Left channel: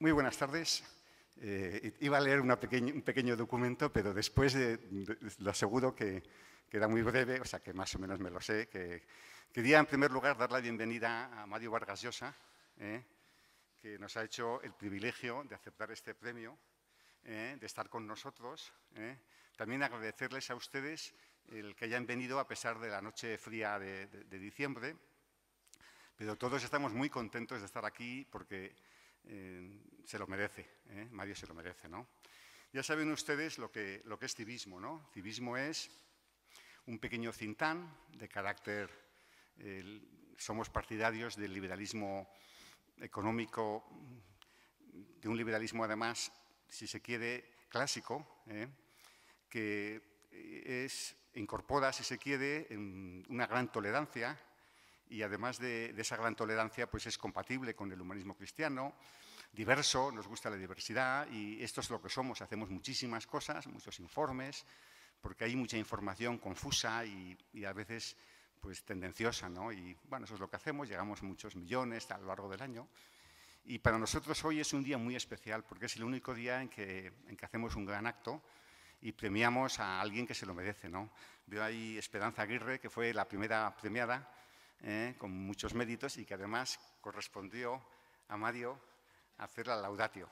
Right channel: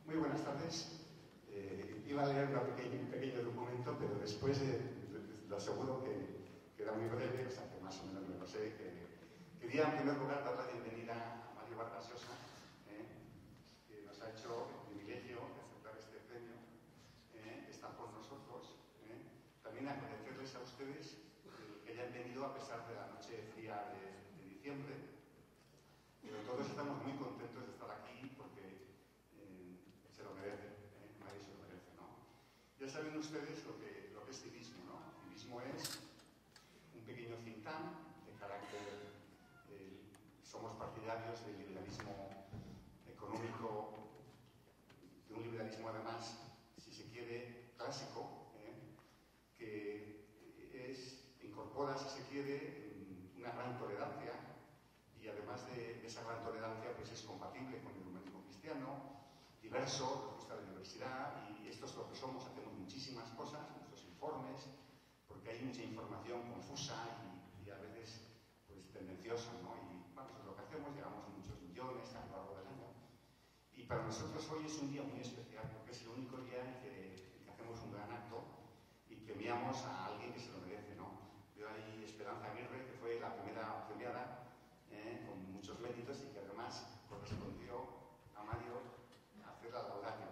Muy buenas tardes. Iba a leer un pequeño documento, pero después lo aseguro que era muy breve, o sea que más o menos me lo sé. Quería, en primer lugar, dar la bienvenida a Mario Vargas Llosa, que nos ha hecho el privilegio de aceptar este premio, de estar con nosotros. También agradecerles a ustedes el que hayan venido a pesar de la noche fría de diciembre, pero todos estamos muy contentos de estar aquí porque se lo merece, Mario se lo merece, ¿no? Ya saben ustedes lo que es civismo, ¿no? Civismo es un pequeño think tank de carácter, somos partidarios del liberalismo económico, de un liberalismo además, si se quiere, clásico, que incorpora, si se quiere, una gran tolerancia y además de esa gran tolerancia, pues es compatible con el humanismo cristiano, diverso, nos gusta la diversidad y esto es lo que somos, hacemos muchísimas cosas, muchos informes, porque hay mucha información confusa y a veces pues tendenciosa, ¿no? Y bueno, eso es lo que hacemos, llegamos a muchos millones a lo largo del año y para nosotros hoy es un día muy especial porque es el único día en que hacemos un gran acto y premiamos a alguien que se lo merece, ¿no? Veo ahí Esperanza Aguirre, que fue la primera premiada, con muchos méritos y que además correspondió a Mario hacer la laudatio,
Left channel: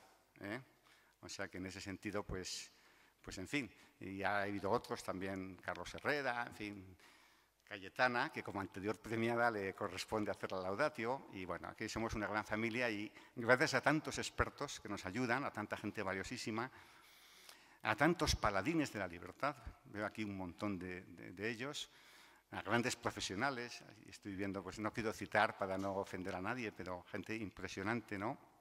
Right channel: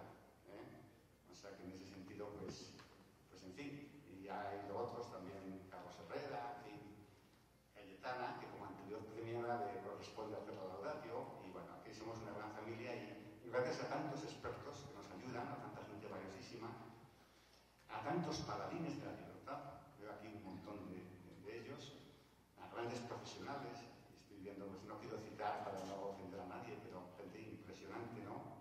o sea que en ese sentido, pues en fin, y ha habido otros también, Carlos Herrera, en fin, Cayetana, que como anterior premiada le corresponde hacer la laudatio, y bueno, aquí somos una gran familia y gracias a tantos expertos que nos ayudan, a tanta gente valiosísima, a tantos paladines de la libertad, veo aquí un montón de ellos, a grandes profesionales, estoy viendo, pues no quiero citar para no ofender a nadie, pero gente impresionante, ¿no?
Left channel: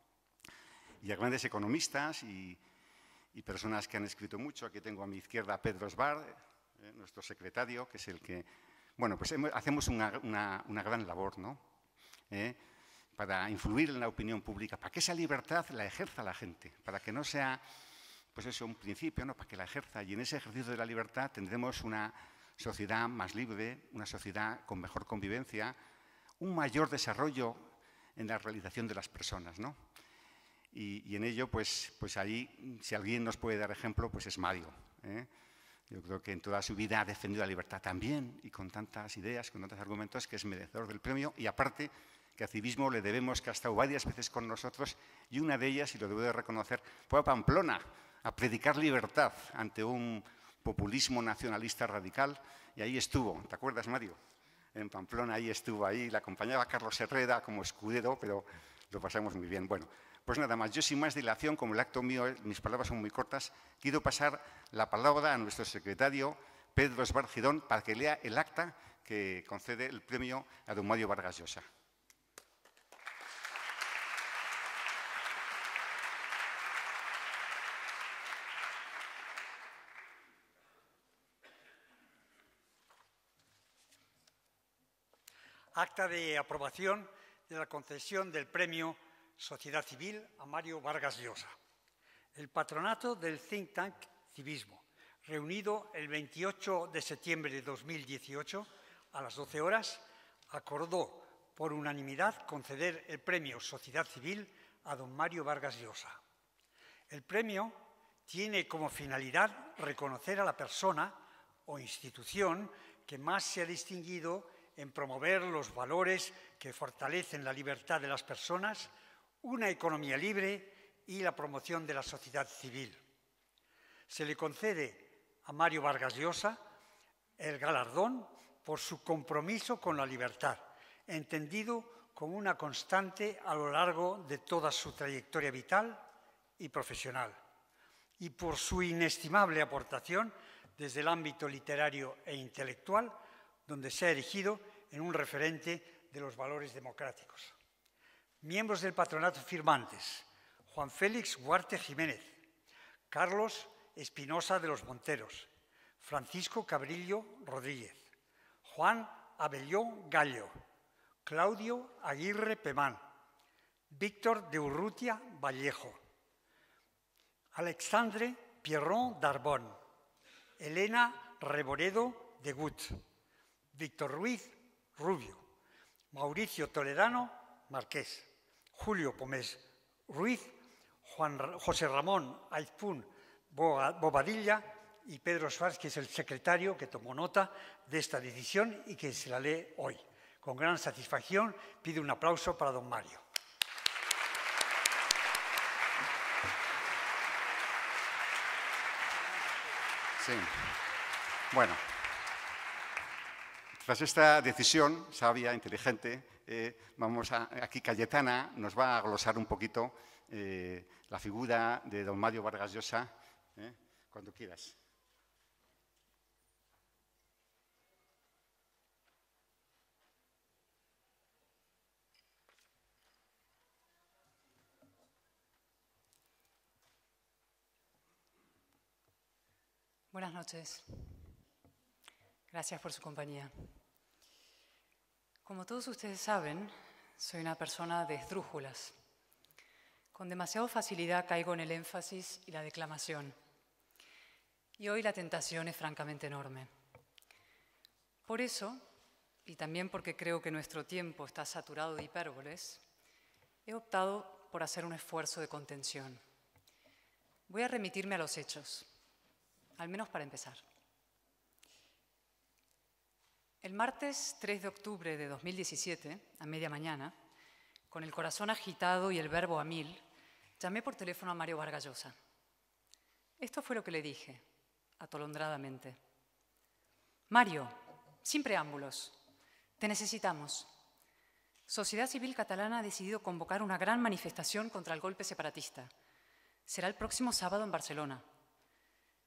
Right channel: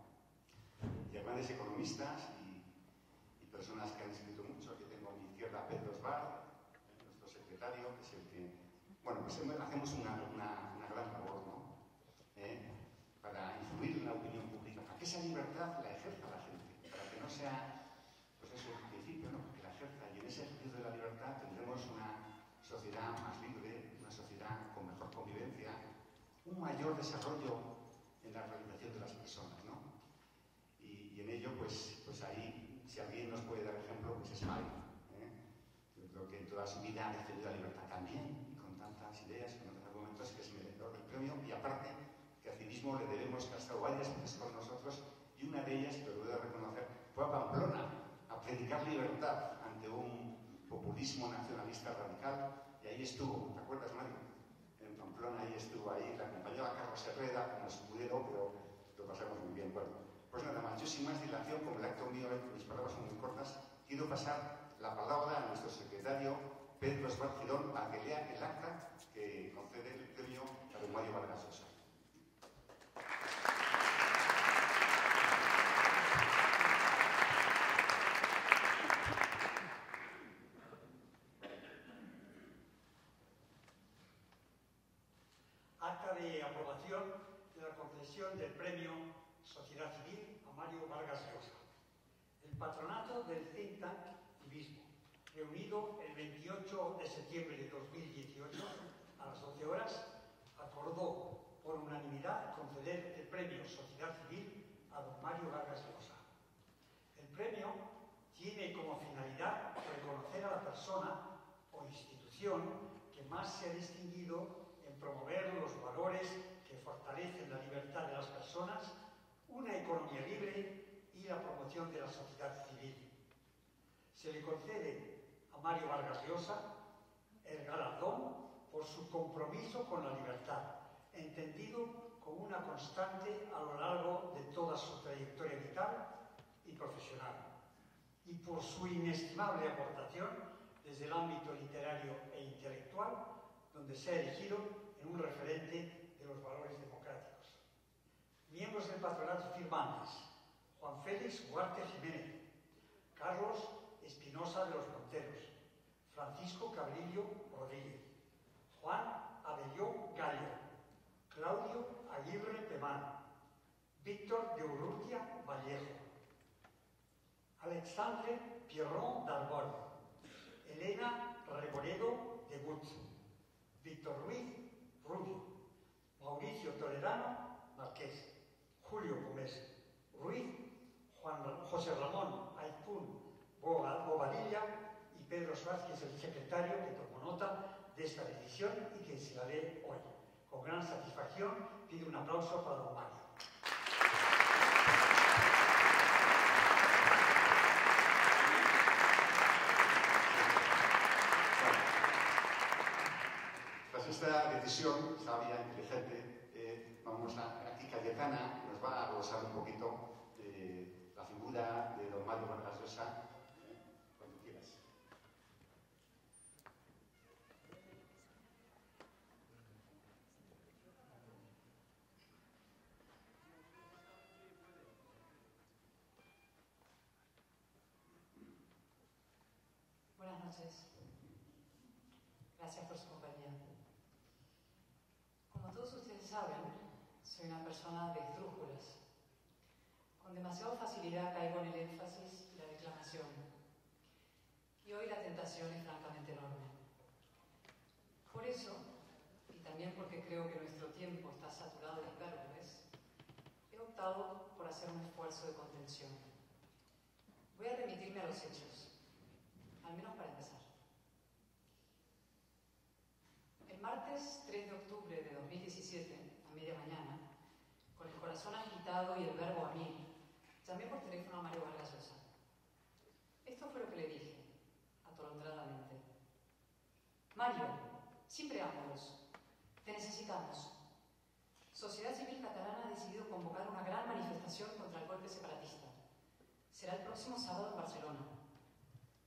Y a grandes economistas y personas que han escrito mucho. Aquí tengo a mi izquierda a Pedro Esbar, nuestro secretario, que es el que... Bueno, pues hacemos una gran labor, ¿no? Para influir en la opinión pública, para que esa libertad la ejerza la gente, para que no sea, pues eso, un principio, ¿no? Para que la ejerza. Y en ese ejercicio de la libertad tendremos una sociedad más libre, una sociedad con mejor convivencia, un mayor desarrollo en la realización de las personas, ¿no? Y en ello, pues ahí, si alguien nos puede dar ejemplo, pues es Mario. Yo creo que en toda su vida ha defendido la libertad también, y con tantas ideas, con tantos argumentos, que es merecedor del premio. Y aparte, que a civismo le debemos que ha estado varias veces con nosotros, y una de ellas, y lo debo de reconocer, fue a Pamplona, a predicar libertad ante un populismo nacionalista radical, y ahí estuvo. ¿Te acuerdas, Mario? En Pamplona, ahí estuvo, ahí le acompañaba Carlos Herrera como escudero, pero lo pasamos muy bien. Bueno, pues nada más, yo sin más dilación, como el acto mío, mis palabras son muy cortas, quiero pasar la palabra a nuestro secretario, Pedro Esbar Girón, para que lea el acta que concede el premio a don Mario Vargas Llosa. Acta de aprobación de la concesión del premio Sociedad Civil a Mario Vargas Llosa. El patronato del think tank Civismo, reunido el 28 de septiembre de 2018 a las 12 horas, acordó por unanimidad conceder el premio Sociedad Civil a don Mario Vargas Llosa. El premio tiene como finalidad reconocer a la persona o institución que más se ha distinguido en promover los valores que fortalecen la libertad de las personas, una economía libre y la promoción de la sociedad civil. Se le concede a Mario Vargas Llosa el galardón por su compromiso con la libertad, entendido como una constante a lo largo de toda su trayectoria vital y profesional, y por su inestimable aportación desde el ámbito literario e intelectual, donde se ha erigido en un referente de los valores democráticos. Miembros del patronato firmantes: Juan Félix Huarte Jiménez, Carlos Espinosa de los Monteros, Francisco Cabrillo Rodríguez, Juan Abelló Gallo, Claudio Aguirre Pemán, Víctor de Urrutia Vallejo, Alexandre Pierron Darbón, Elena Reboredo de Gut, Víctor Ruiz Rubio, Mauricio Toledano Marqués, Julio Pomés Ruiz, José Ramón Aizpún Bobadilla y Pedro Schwartz, que es el secretario que tomó nota de esta decisión y que se la lee hoy. Con gran satisfacción pido un aplauso para don Mario. Sí. Bueno, tras esta decisión sabia, inteligente, aquí Cayetana nos va a glosar un poquito la figura de don Mario Vargas Llosa, cuando quieras. Buenas noches. Gracias por su compañía. Como todos ustedes saben, soy una persona de esdrújulas. Con demasiada facilidad caigo en el énfasis y la declamación. Y hoy la tentación es francamente enorme. Por eso, y también porque creo que nuestro tiempo está saturado de hipérboles, he optado por hacer un esfuerzo de contención. Voy a remitirme a los hechos, al menos para empezar. El martes 3 de octubre de 2017, a media mañana, con el corazón agitado y el verbo a mil, llamé por teléfono a Mario Vargas Llosa. Esto fue lo que le dije, atolondradamente. Mario, sin preámbulos, te necesitamos. Sociedad Civil Catalana ha decidido convocar una gran manifestación contra el golpe separatista. Será el próximo sábado en Barcelona.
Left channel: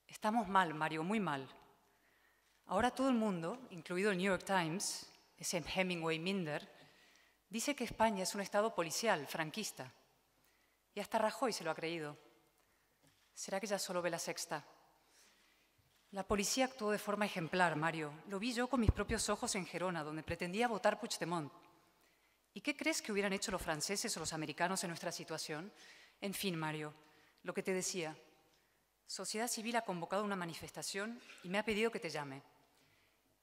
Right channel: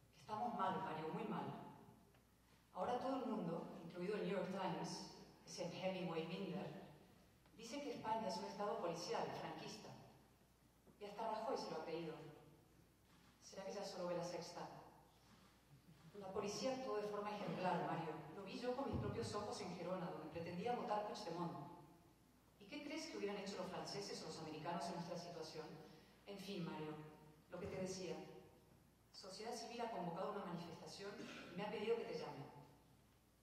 Estamos mal, Mario, muy mal. Ahora todo el mundo, incluido el New York Times, ese Hemingway Minder, dice que España es un estado policial, franquista. Y hasta Rajoy se lo ha creído. ¿Será que ya solo ve La Sexta? La policía actuó de forma ejemplar, Mario. Lo vi yo con mis propios ojos en Gerona, donde pretendía votar Puigdemont. ¿Y qué crees que hubieran hecho los franceses o los americanos en nuestra situación? En fin, Mario, lo que te decía. Sociedad Civil ha convocado una manifestación y me ha pedido que te llame.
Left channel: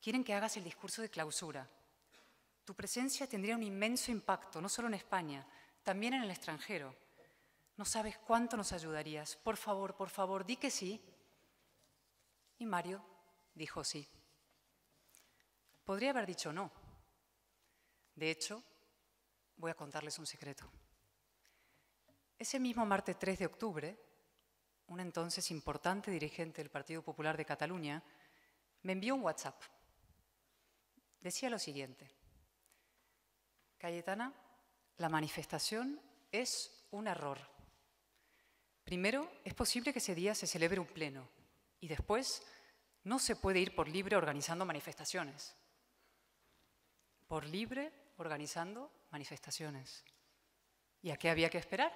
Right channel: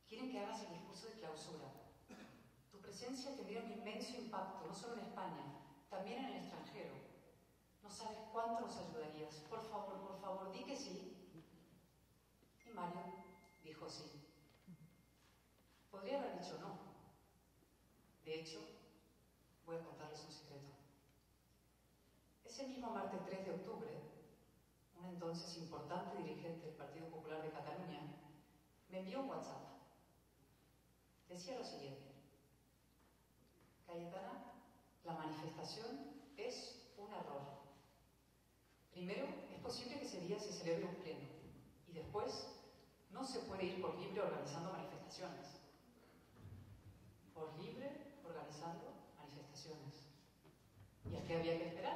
Quieren que hagas el discurso de clausura. Tu presencia tendría un inmenso impacto, no solo en España, también en el extranjero. No sabes cuánto nos ayudarías. Por favor, di que sí. Y Mario dijo sí. Podría haber dicho no. De hecho, voy a contarles un secreto. Ese mismo martes 3 de octubre, un entonces importante dirigente del Partido Popular de Cataluña, me envió un WhatsApp. Decía lo siguiente: Cayetana, la manifestación es un error. Primero, es posible que ese día se celebre un pleno y después no se puede ir por libre organizando manifestaciones. Por libre organizando manifestaciones. ¿Y a qué había que esperar?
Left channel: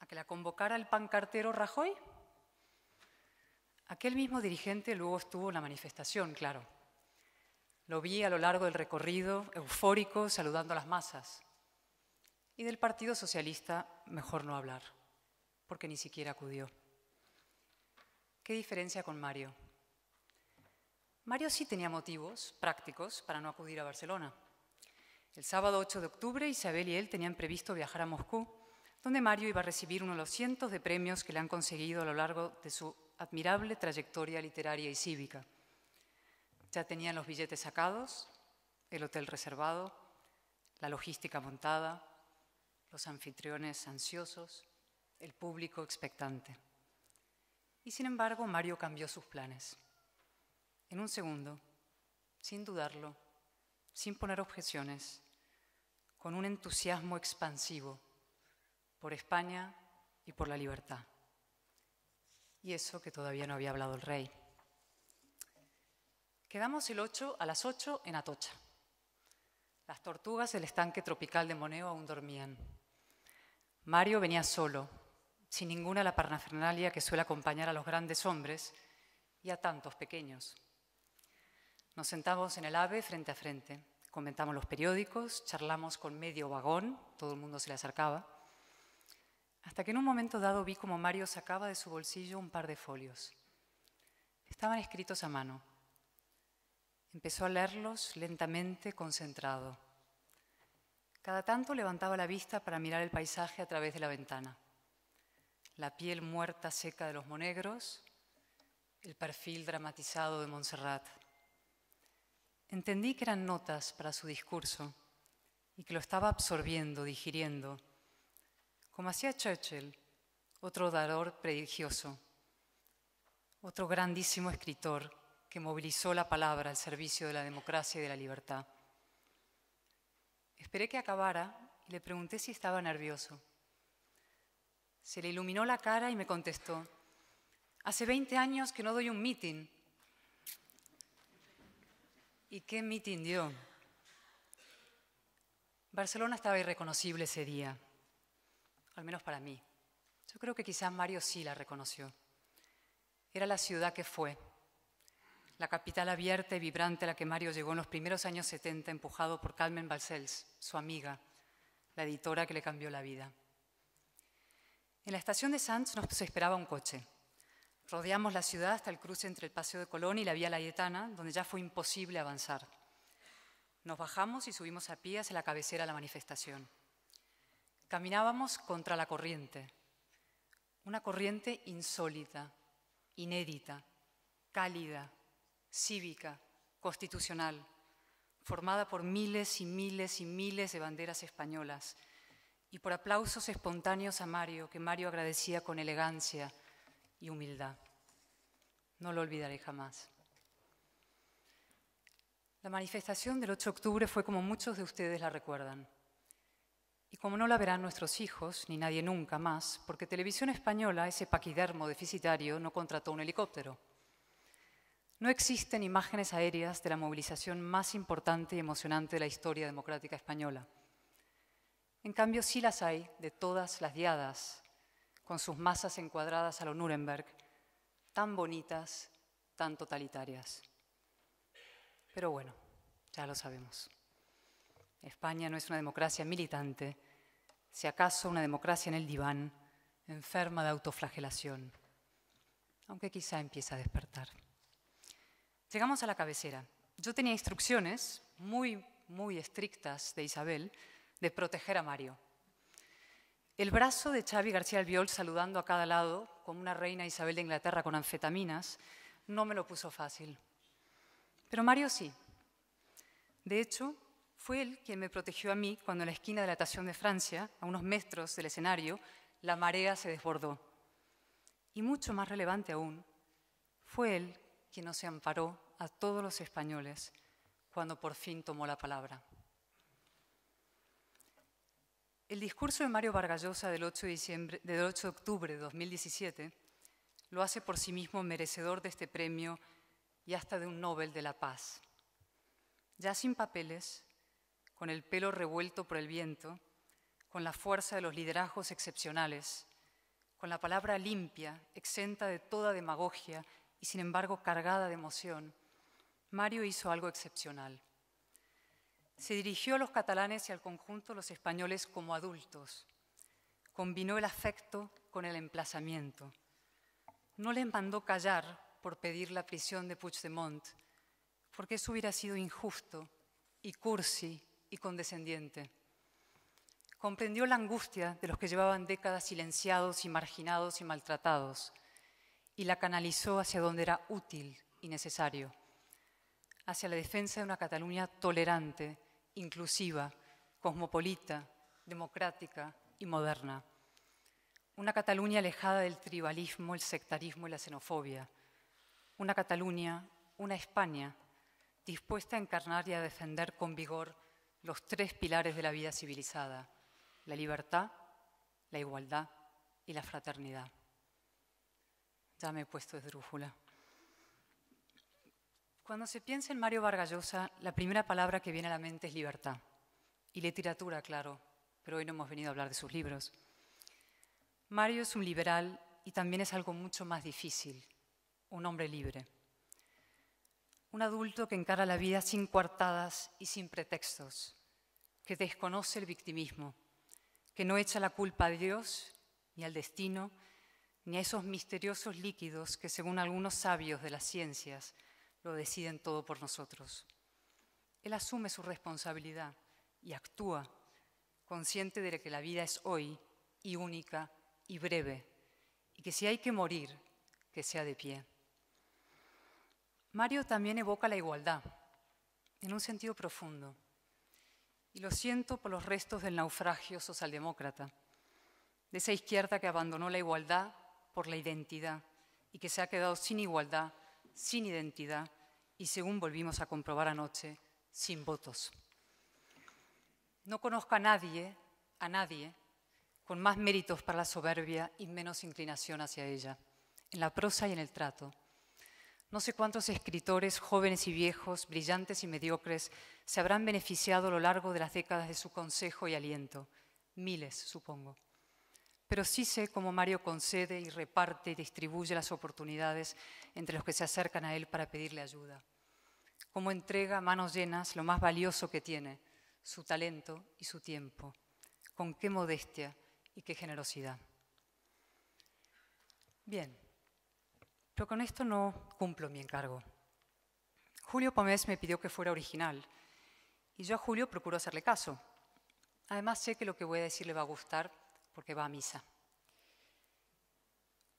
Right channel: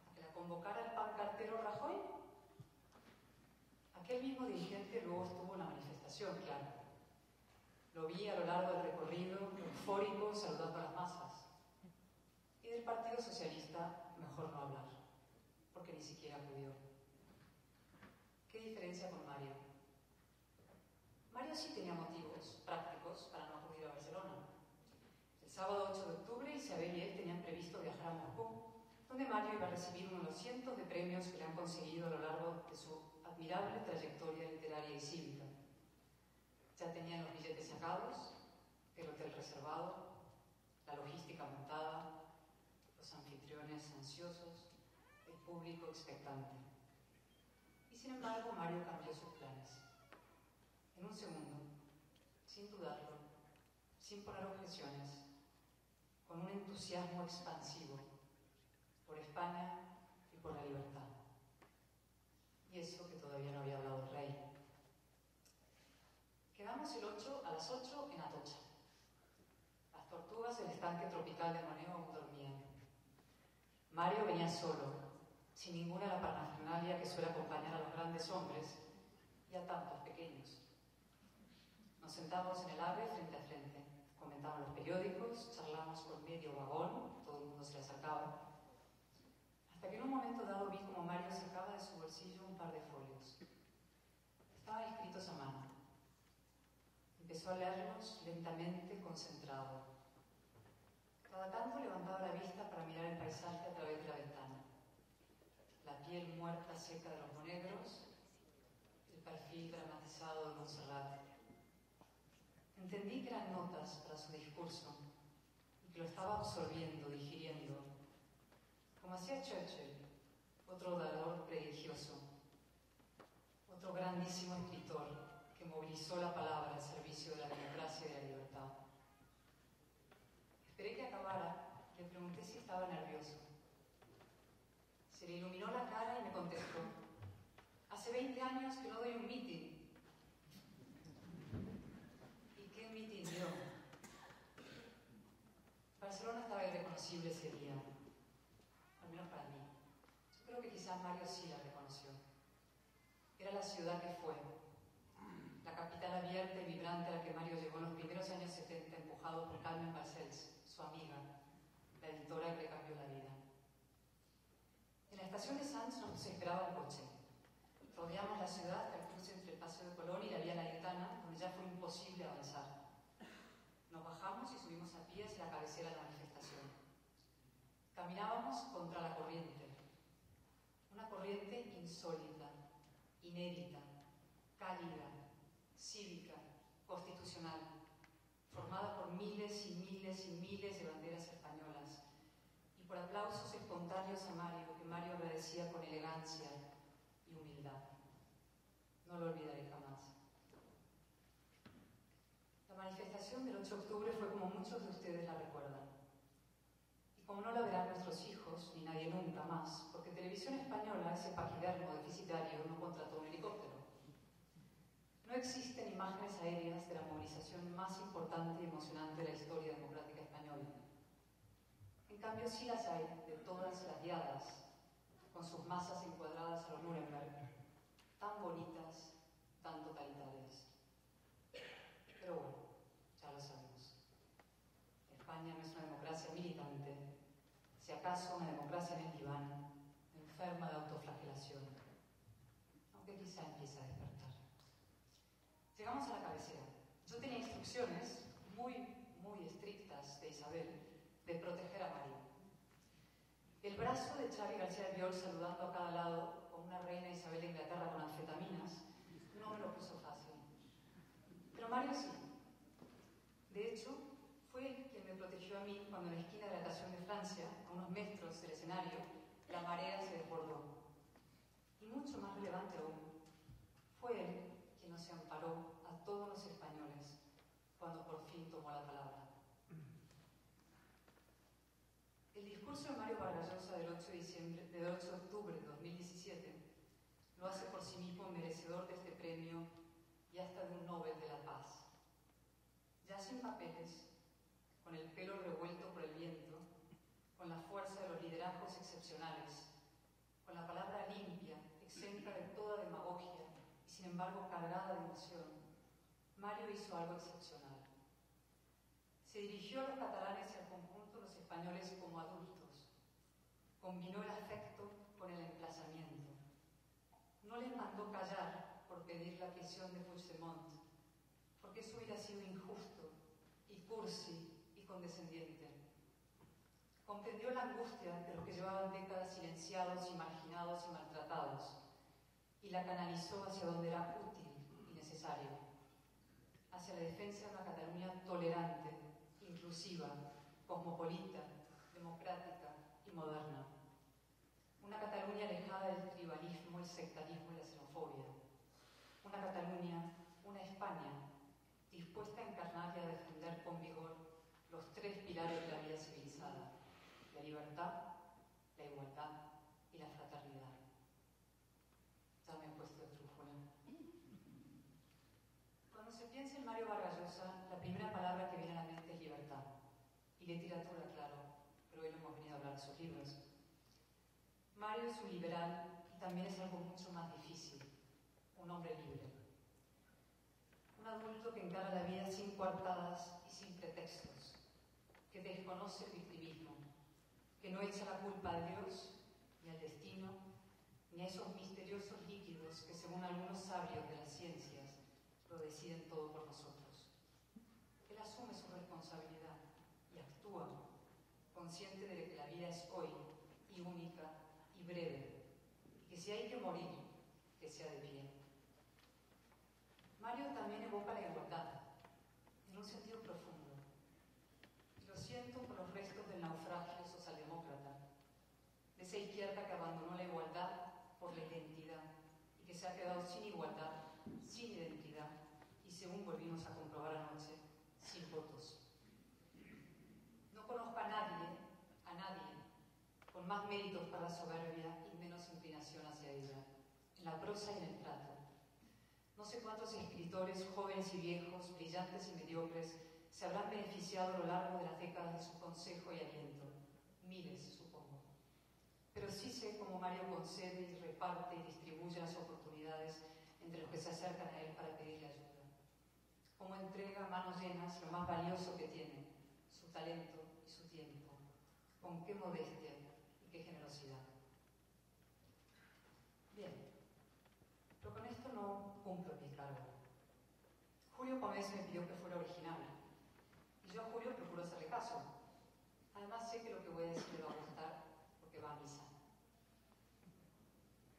¿A que la convocara el pancartero Rajoy? Aquel mismo dirigente luego estuvo en la manifestación, claro. Lo vi a lo largo del recorrido, eufórico, saludando a las masas. Y del Partido Socialista, mejor no hablar, porque ni siquiera acudió. ¿Qué diferencia con Mario? Mario sí tenía motivos prácticos para no acudir a Barcelona. El sábado 8 de octubre, Isabel y él tenían previsto viajar a Moscú, donde Mario iba a recibir uno de los cientos de premios que le han conseguido a lo largo de su admirable trayectoria literaria y cívica. Ya tenían los billetes sacados, el hotel reservado, la logística montada, los anfitriones ansiosos, el público expectante. Y sin embargo, Mario cambió sus planes. En un segundo, sin dudarlo, sin poner objeciones, con un entusiasmo expansivo por España y por la libertad. Y eso que todavía no había hablado el rey. Quedamos el 8 a las 8 en Atocha. Las tortugas del estanque tropical de Moneo aún dormían. Mario venía solo, sin ninguna la parafernalia que suele acompañar a los grandes hombres y a tantos pequeños. Nos sentamos en el AVE frente a frente, comentamos los periódicos, charlamos con medio vagón, todo el mundo se le acercaba, hasta que en un momento dado vi como Mario sacaba de su bolsillo un par de folios. Estaban escritos a mano. Empezó a leerlos lentamente, concentrado. Cada tanto levantaba la vista para mirar el paisaje a través de la ventana. La piel muerta seca de los monegros, el perfil dramatizado de Montserrat. Entendí que eran notas para su discurso y que lo estaba absorbiendo, digiriendo, como hacía Churchill, otro orador prodigioso, otro grandísimo escritor que movilizó la palabra al servicio de la democracia y de la libertad. Esperé que acabara y le pregunté si estaba nervioso. Se le iluminó la cara y me contestó: hace 20 años que no doy un meeting. ¿Y qué meeting dio? Barcelona estaba irreconocible ese día, al menos para mí. Yo creo que quizá Mario sí la reconoció. Era la ciudad que fue, la capital abierta y vibrante a la que Mario llegó en los primeros años 70, empujado por Carmen Balcells, su amiga, la editora que le cambió la vida. En la estación de Sants nos esperaba un coche. Rodeamos la ciudad hasta el cruce entre el Paseo de Colón y la Vía Laietana, donde ya fue imposible avanzar. Nos bajamos y subimos a pie hacia la cabecera de la manifestación. Caminábamos contra la corriente, una corriente insólita, inédita, cálida, cívica, constitucional, formada por miles y miles y miles de banderas españolas y por aplausos espontáneos a Mario, que Mario agradecía con elegancia y humildad. No lo olvidaré jamás. La manifestación del 8 de octubre fue como muchos de ustedes la recuerdan. Y como no la verán nuestros hijos, ni nadie nunca más, porque Televisión Española, ese paquidermo deficitario, no contrató un helicóptero. No existen imágenes aéreas de la movilización más importante y emocionante de la historia democrática española. En cambio, sí las hay de todas las diadas, con sus masas encuadradas a lo Nuremberg, tan bonitas, tan totalitarias. Pero bueno, ya lo sabemos. España no es una democracia militante, si acaso una democracia en el diván, enferma de autoflagelación, aunque quizá empiece a despertar. Llegamos a la cabecera. Yo tenía instrucciones muy estrictas de Isabel de proteger a Mario. El brazo de Xavi García Albiol saludando a cada lado, como una reina Isabel de Inglaterra con anfetaminas, no me lo puso fácil. Pero Mario sí. De hecho, fue él quien me protegió a mí cuando en la esquina de la Estación de Francia, a unos metros del escenario, la marea se desbordó. Y mucho más relevante aún, fue él quien nos amparó a todos los españoles cuando por fin tomó la palabra. El discurso de Mario Vargas Llosa del 8 de octubre de 2017 lo hace por sí mismo merecedor de este premio y hasta de un Nobel de la Paz. Ya sin papeles, con el pelo revuelto por el viento, con la fuerza de los liderazgos excepcionales, con la palabra limpia, exenta de toda demagogia y sin embargo cargada de emoción, Mario hizo algo excepcional. Se dirigió a los catalanes y al conjunto de los españoles como adultos. Combinó el afecto con el emplazamiento. No les mandó callar por pedir la prisión de Puigdemont, porque eso hubiera sido injusto y cursi y condescendiente. Comprendió la angustia de los que llevaban décadas silenciados y marginados y maltratados y la canalizó hacia donde era útil y necesario, hacia la defensa de una Cataluña tolerante, inclusiva, cosmopolita, democrática y moderna. Una Cataluña alejada del tribalismo, el sectarismo y la xenofobia. Una Cataluña, una España, dispuesta a encarnar y a defender con vigor los 3 pilares de la vida civilizada: la libertad, la igualdad y la fraternidad. Ya me he puesto esdrújula. Cuando se piensa en Mario Vargas Llosa, la primera palabra que viene a la mente es libertad. Y literatura, claro, pero hoy no hemos venido a hablar de sus libros. Mario es un liberal y también es algo mucho más difícil, un hombre libre. Un adulto que encara la vida sin coartadas y sin pretextos, que desconoce el victimismo, que no echa la culpa a Dios, ni al destino, ni a esos misteriosos líquidos que, según algunos sabios de las ciencias, lo deciden todo por nosotros. Él asume su responsabilidad y actúa consciente de que la vida es hoy y única y breve, y que si hay que morir, que sea de pie. Mario también evoca la igualdad, en un sentido profundo, y lo siento por los restos del naufragio socialdemócrata, de esa izquierda que abandonó la igualdad por la identidad y que se ha quedado sin igualdad, sin identidad y, según volvimos a comprobar anoche, sin votos. No conozco a nadie con más méritos para la soberbia y menos inclinación hacia ella, en la prosa y en el trato. No sé cuántos escritores, jóvenes y viejos, brillantes y mediocres, se habrán beneficiado a lo largo de las décadas de su consejo y aliento. Miles, supongo. Pero sí sé cómo Mario concede y reparte y distribuye las oportunidades entre los que se acercan a él para pedirle ayuda. Cómo entrega a manos llenas lo más valioso que tiene, su talento y su tiempo. Con qué modestia y qué generosidad. Bien, pero con esto no cumplo mi encargo. Julio Pomés me pidió que fuera original y yo a Julio procuro hacerle caso. Además sé que lo que voy a decir le va a gustar porque va a misa.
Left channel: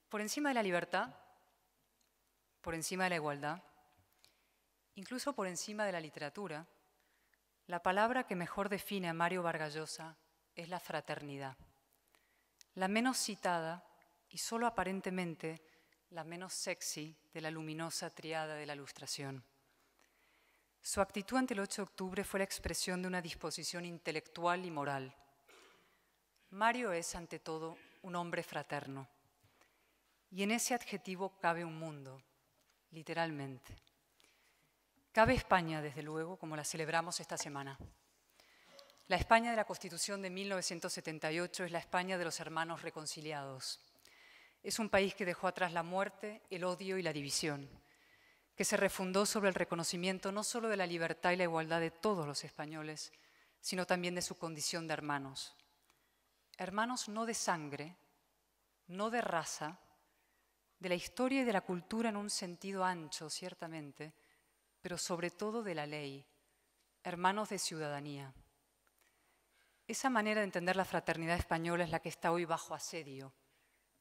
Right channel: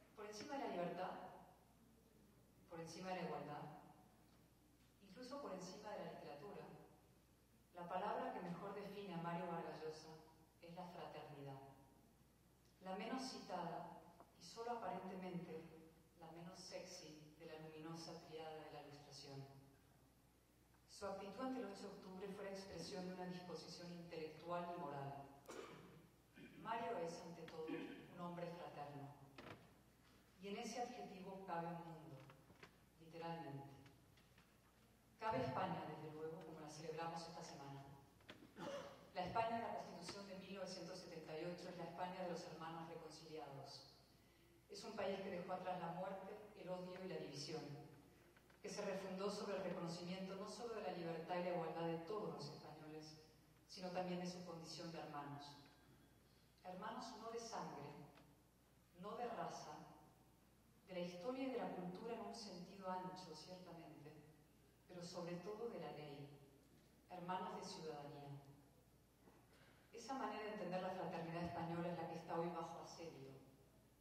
Por encima de la libertad, por encima de la igualdad, incluso por encima de la literatura, la palabra que mejor define a Mario Vargas Llosa es la fraternidad. La menos citada y solo aparentemente la menos sexy de la luminosa triada de la Ilustración. Su actitud ante el 8 de octubre fue la expresión de una disposición intelectual y moral. Mario es, ante todo, un hombre fraterno. Y en ese adjetivo cabe un mundo, literalmente. Cabe España, desde luego, como la celebramos esta semana. La España de la Constitución de 1978 es la España de los hermanos reconciliados. Es un país que dejó atrás la muerte, el odio y la división, que se refundó sobre el reconocimiento no solo de la libertad y la igualdad de todos los españoles, sino también de su condición de hermanos. Hermanos no de sangre, no de raza, de la historia y de la cultura en un sentido ancho, ciertamente, pero sobre todo de la ley, hermanos de ciudadanía. Esa manera de entender la fraternidad española es la que está hoy bajo asedio,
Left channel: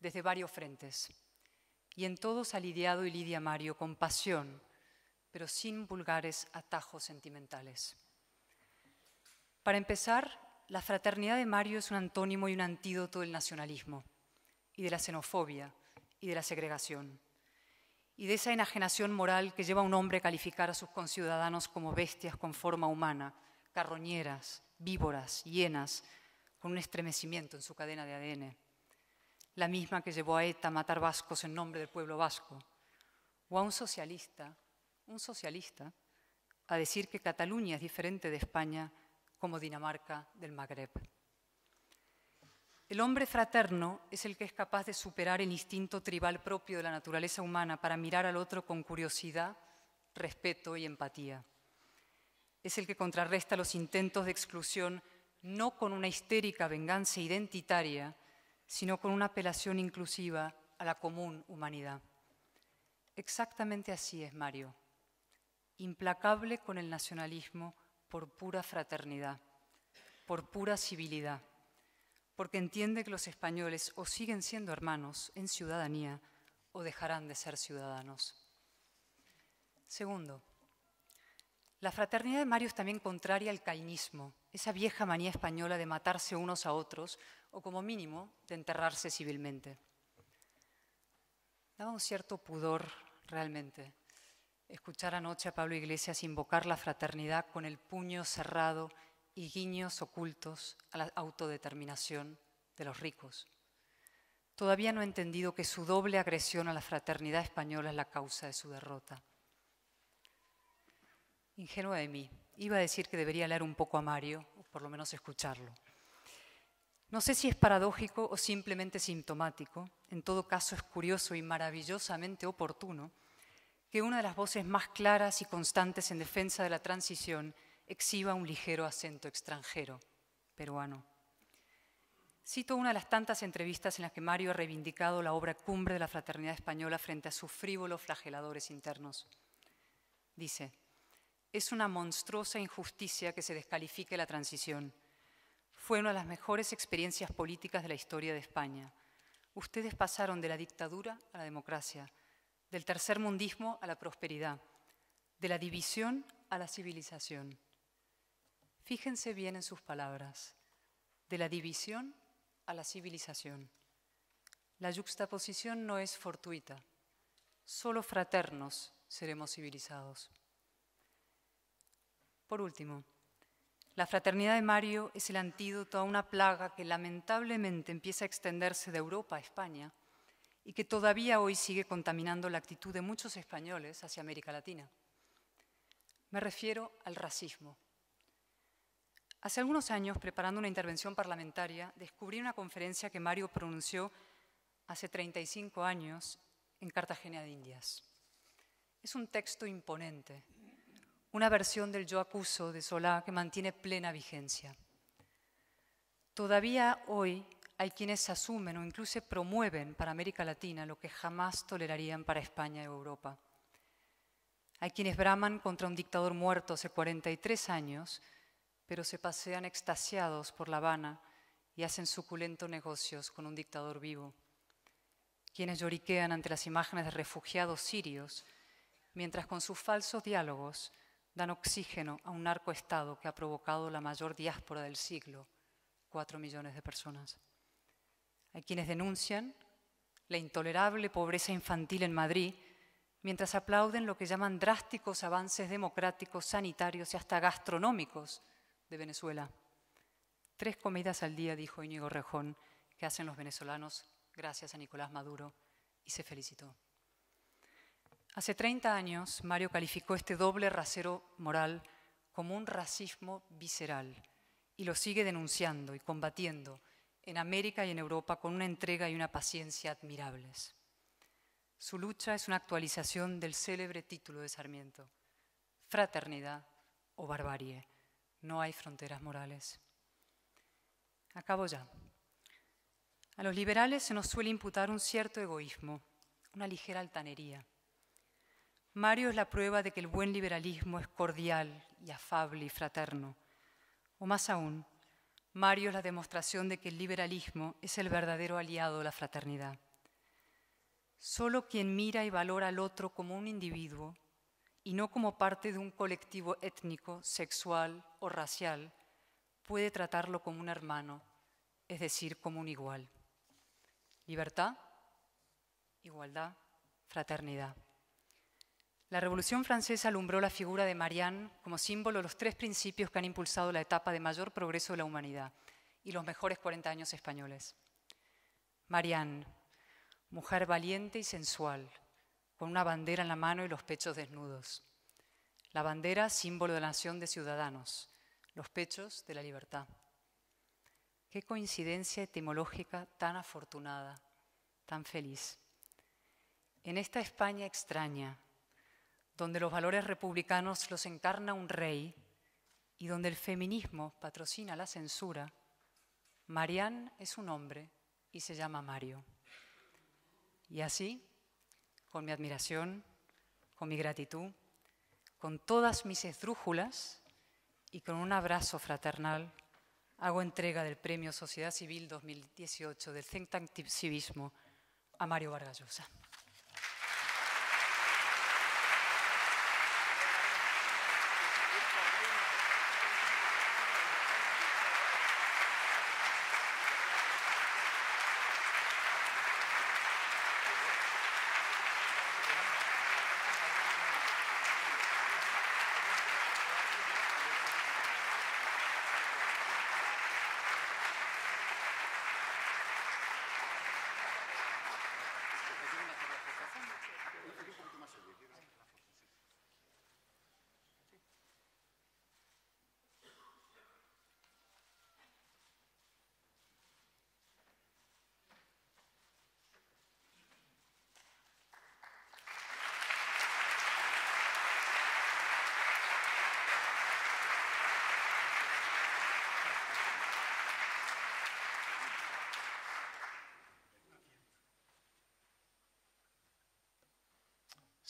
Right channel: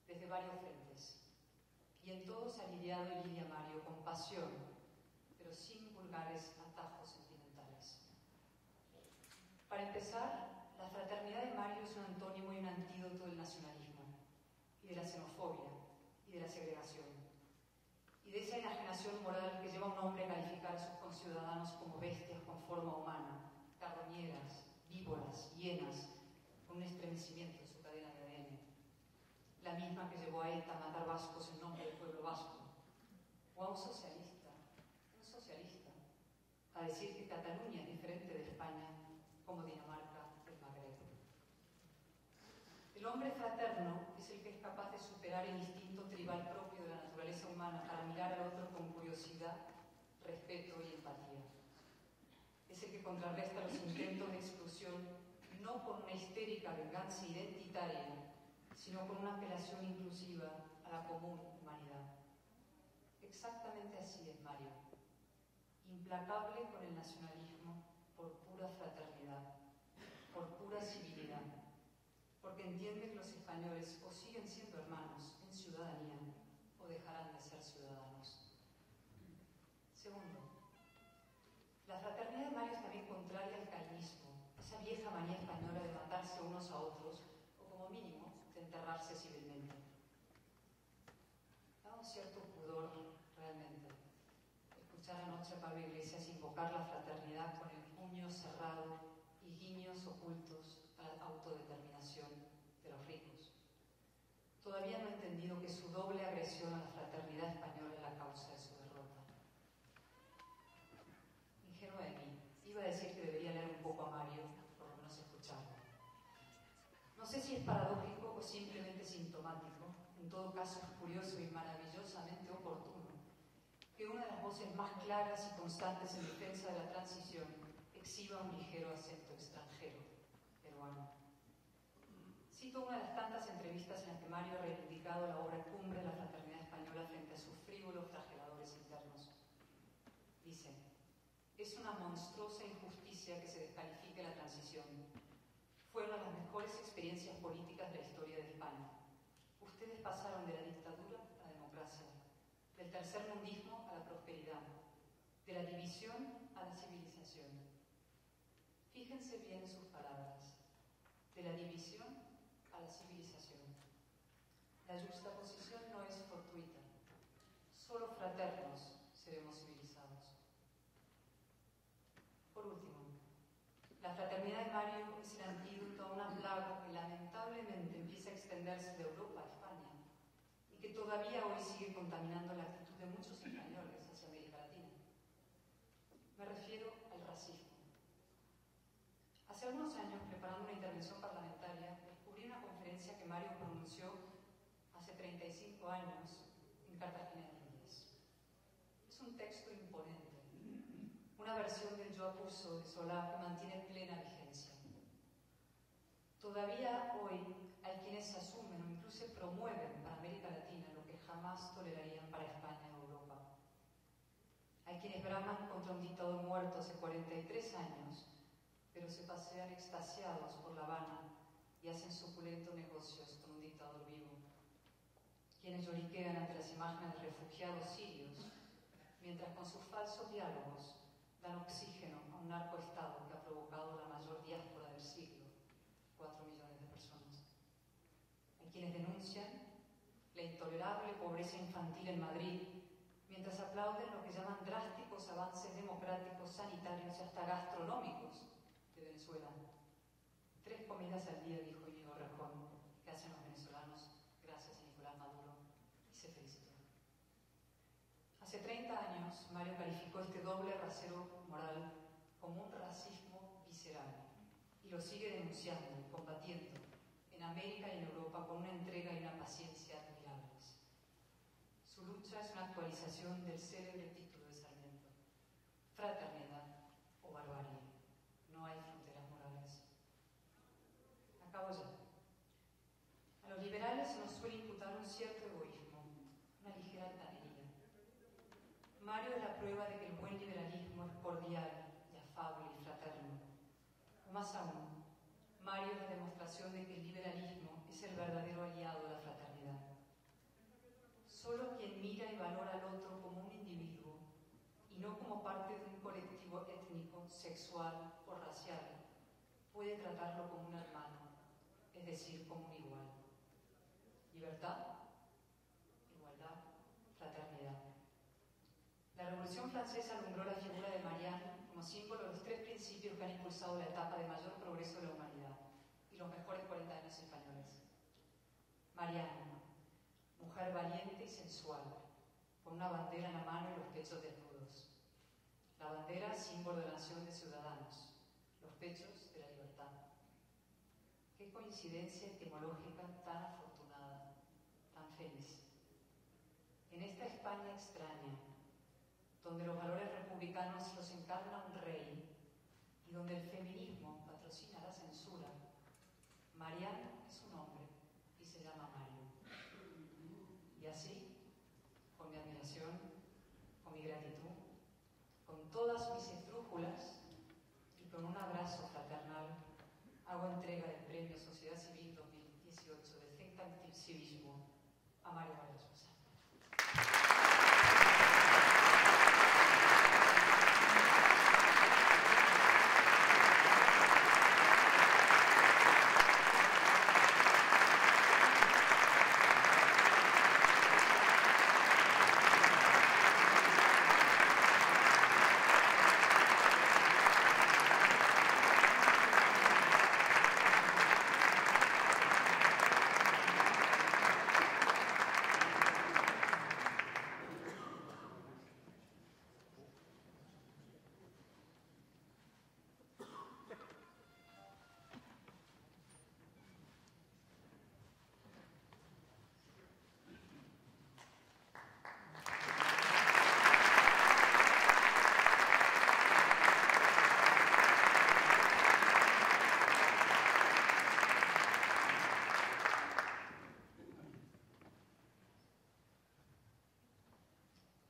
desde varios frentes, y en todos ha lidiado y lidia Mario con pasión, pero sin vulgares atajos sentimentales. Para empezar, la fraternidad de Mario es un antónimo y un antídoto del nacionalismo, y de la xenofobia, y de la segregación, y de esa enajenación moral que lleva a un hombre a calificar a sus conciudadanos como bestias con forma humana, carroñeras, víboras, hienas, con un estremecimiento en su cadena de ADN. La misma que llevó a ETA a matar vascos en nombre del pueblo vasco, o a un socialista, a decir que Cataluña es diferente de España como Dinamarca del Magreb. El hombre fraterno es el que es capaz de superar el instinto tribal propio de la naturaleza humana para mirar al otro con curiosidad, respeto y empatía. Es el que contrarresta los intentos de exclusión no con una histérica venganza identitaria, sino con una apelación inclusiva a la común humanidad. Exactamente así es Mario, implacable con el nacionalismo por pura fraternidad, por pura civilidad, porque entiende que los españoles o siguen siendo hermanos en ciudadanía o dejarán de ser ciudadanos. Segundo, la fraternidad de Mario es también contraria al cainismo, esa vieja manía española de matarse unos a otros o como mínimo de enterrarse civilmente. Daba un cierto pudor realmente escuchar anoche a Pablo Iglesias invocar la fraternidad con el puño cerrado y guiños ocultos a la autodeterminación de los ricos. Todavía no he entendido que su doble agresión a la fraternidad española es la causa de su derrota. Ingenua de mí. Iba a decir que debería leer un poco a Mario, por lo menos escucharlo. No sé si es paradójico o simplemente sintomático, en todo caso es curioso y maravillosamente oportuno que una de las voces más claras y constantes en defensa de la transición exhiba un ligero acento extranjero, peruano. Cito una de las tantas entrevistas en las que Mario ha reivindicado la obra cumbre de la fraternidad española frente a sus frívolos flageladores internos. Dice: «Es una monstruosa injusticia que se descalifique la transición. fue una de las mejores experiencias políticas de la historia de España. Ustedes pasaron de la dictadura a la democracia, del tercermundismo a la prosperidad, de la división a la civilización. Fíjense bien en sus palabras, de la división a la civilización. La yuxtaposición no es fortuita, solo fraternos seremos civilizados. Por último, la fraternidad de Mario es el antídoto a una plaga que lamentablemente empieza a extenderse de Europa a España y que todavía hoy sigue contaminando la actitud de muchos españoles hacia América Latina. Me refiero al racismo. Hace algunos años, preparando una intervención parlamentaria, descubrí una conferencia que Mario pronunció hace 35 años en Cartagena de Indias. Es un texto imponente, una versión del Yo acuso de Solá que mantiene plena vigencia. Todavía hoy hay quienes asumen o incluso promueven para América Latina lo que jamás tolerarían para España y Europa. Hay quienes braman contra un dictador muerto hace 43 años, pero se pasean extasiados por La Habana y hacen suculentos negocios con un dictador vivo. Quienes lloriquean ante las imágenes de refugiados sirios, mientras con sus falsos diálogos dan oxígeno a un narcoestado que ha provocado la mayor diáspora del siglo, 4 millones de personas. Hay quienes denuncian la intolerable pobreza infantil en Madrid, mientras aplauden lo que llaman drásticos avances democráticos, sanitarios y hasta gastronómicos de Venezuela. 3 comidas al día, dijo Íñigo Rejón, que hacen los venezolanos gracias a Nicolás Maduro, y se felicitó. Hace 30 años, Mario calificó este doble rasero moral como un racismo visceral y lo sigue denunciando y combatiendo en América y en Europa con una entrega y una paciencia admirables. Su lucha es una actualización del célebre título de Sarmiento: fraternidad o barbarie, no hay fronteras morales. Acabo ya. A los liberales se nos suele imputar un cierto egoísmo, una ligera altanería. Mario es la prueba de que el buen liberalismo es cordial y afable y fraterno. O más aún, Mario es la demostración de que el liberalismo es el verdadero aliado de la fraternidad. Solo quien mira y valora al otro como un individuo y no como parte de un colectivo étnico, sexual o racial puede tratarlo como un hermano, es decir, como un igual. Libertad, igualdad, fraternidad. La Revolución Francesa alumbró la figura de Marianne como símbolo de los 3 principios que han impulsado la etapa de mayor progreso de la humanidad y los mejores 40 años españoles. Marianne, mujer valiente y sensual, con una bandera en la mano y los pechos desnudos. La bandera, símbolo de la nación de ciudadanos, los pechos de la libertad. Qué coincidencia etimológica tan afortunada, tan feliz. En esta España extraña, donde los valores republicanos los encarna un rey y donde el feminismo patrocina la censura, Marianne es un hombre y se llama Mario. Y así, con mi admiración, con mi gratitud, con todas mis esdrújulas y con un abrazo fraternal, hago entrega del Premio Sociedad Civil 2018 del Think Tank Civismo a Mario Vargas Llosa.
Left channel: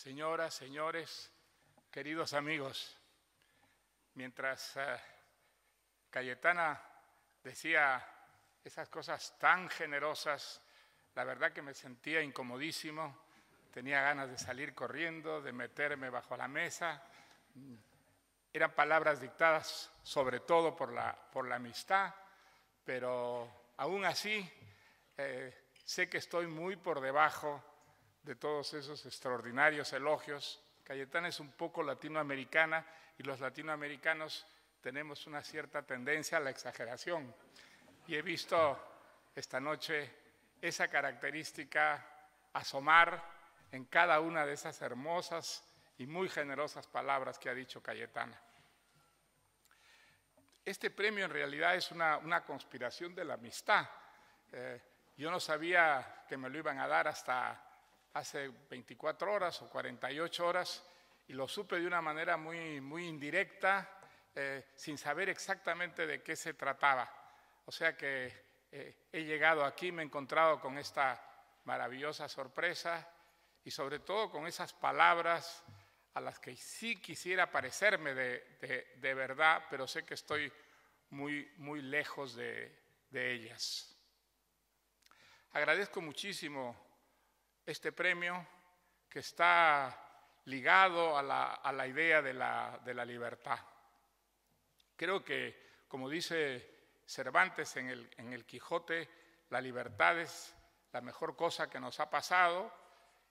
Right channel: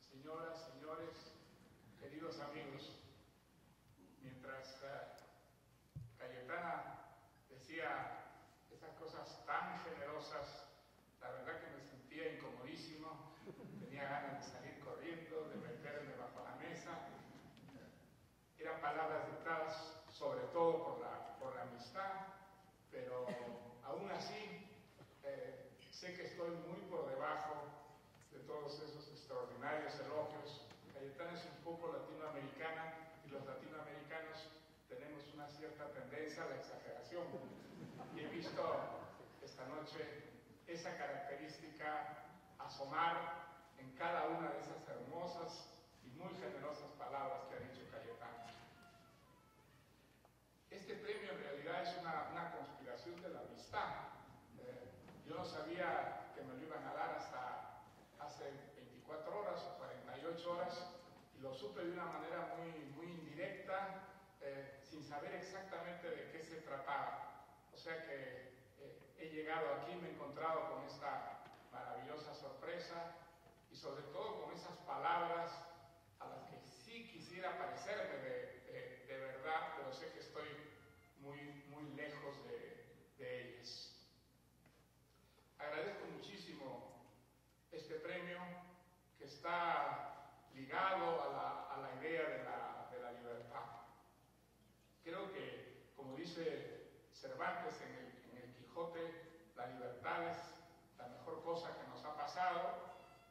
Señoras, señores, queridos amigos, mientras Cayetana decía esas cosas tan generosas, la verdad que me sentía incomodísimo, tenía ganas de salir corriendo, de meterme bajo la mesa. Eran palabras dictadas sobre todo por la amistad, pero aún así sé que estoy muy por debajo de todos esos extraordinarios elogios. Cayetana es un poco latinoamericana y los latinoamericanos tenemos una cierta tendencia a la exageración. Y he visto esta noche esa característica asomar en cada una de esas hermosas y muy generosas palabras que ha dicho Cayetana. Este premio en realidad es una conspiración de la amistad. Yo no sabía que me lo iban a dar hasta hace 24 horas o 48 horas y lo supe de una manera muy indirecta, sin saber exactamente de qué se trataba. O sea que he llegado aquí, me he encontrado con esta maravillosa sorpresa y sobre todo con esas palabras a las que sí quisiera parecerme de verdad, pero sé que estoy muy lejos de ellas. Agradezco muchísimo este premio que está ligado a la idea de la libertad. Creo que, como dice Cervantes en el Quijote, la libertad es la mejor cosa que nos ha pasado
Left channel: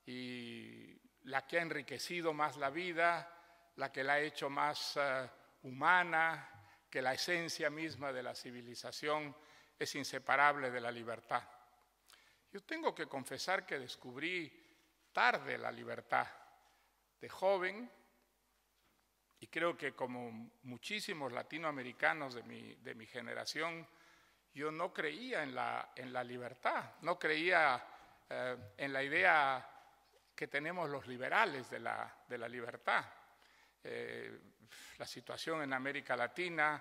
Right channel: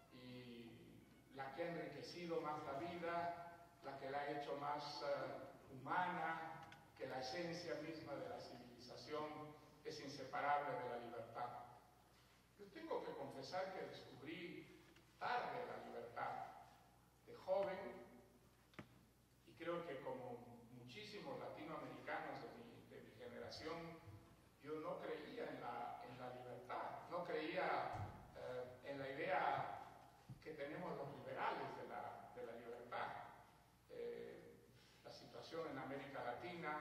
y la que ha enriquecido más la vida, la que la ha hecho más humana, que la esencia misma de la civilización es inseparable de la libertad. Yo tengo que confesar que descubrí tarde la libertad, de joven, y creo que como muchísimos latinoamericanos de mi generación, yo no creía en la libertad, no creía en la idea que tenemos los liberales de la libertad. La situación en América Latina,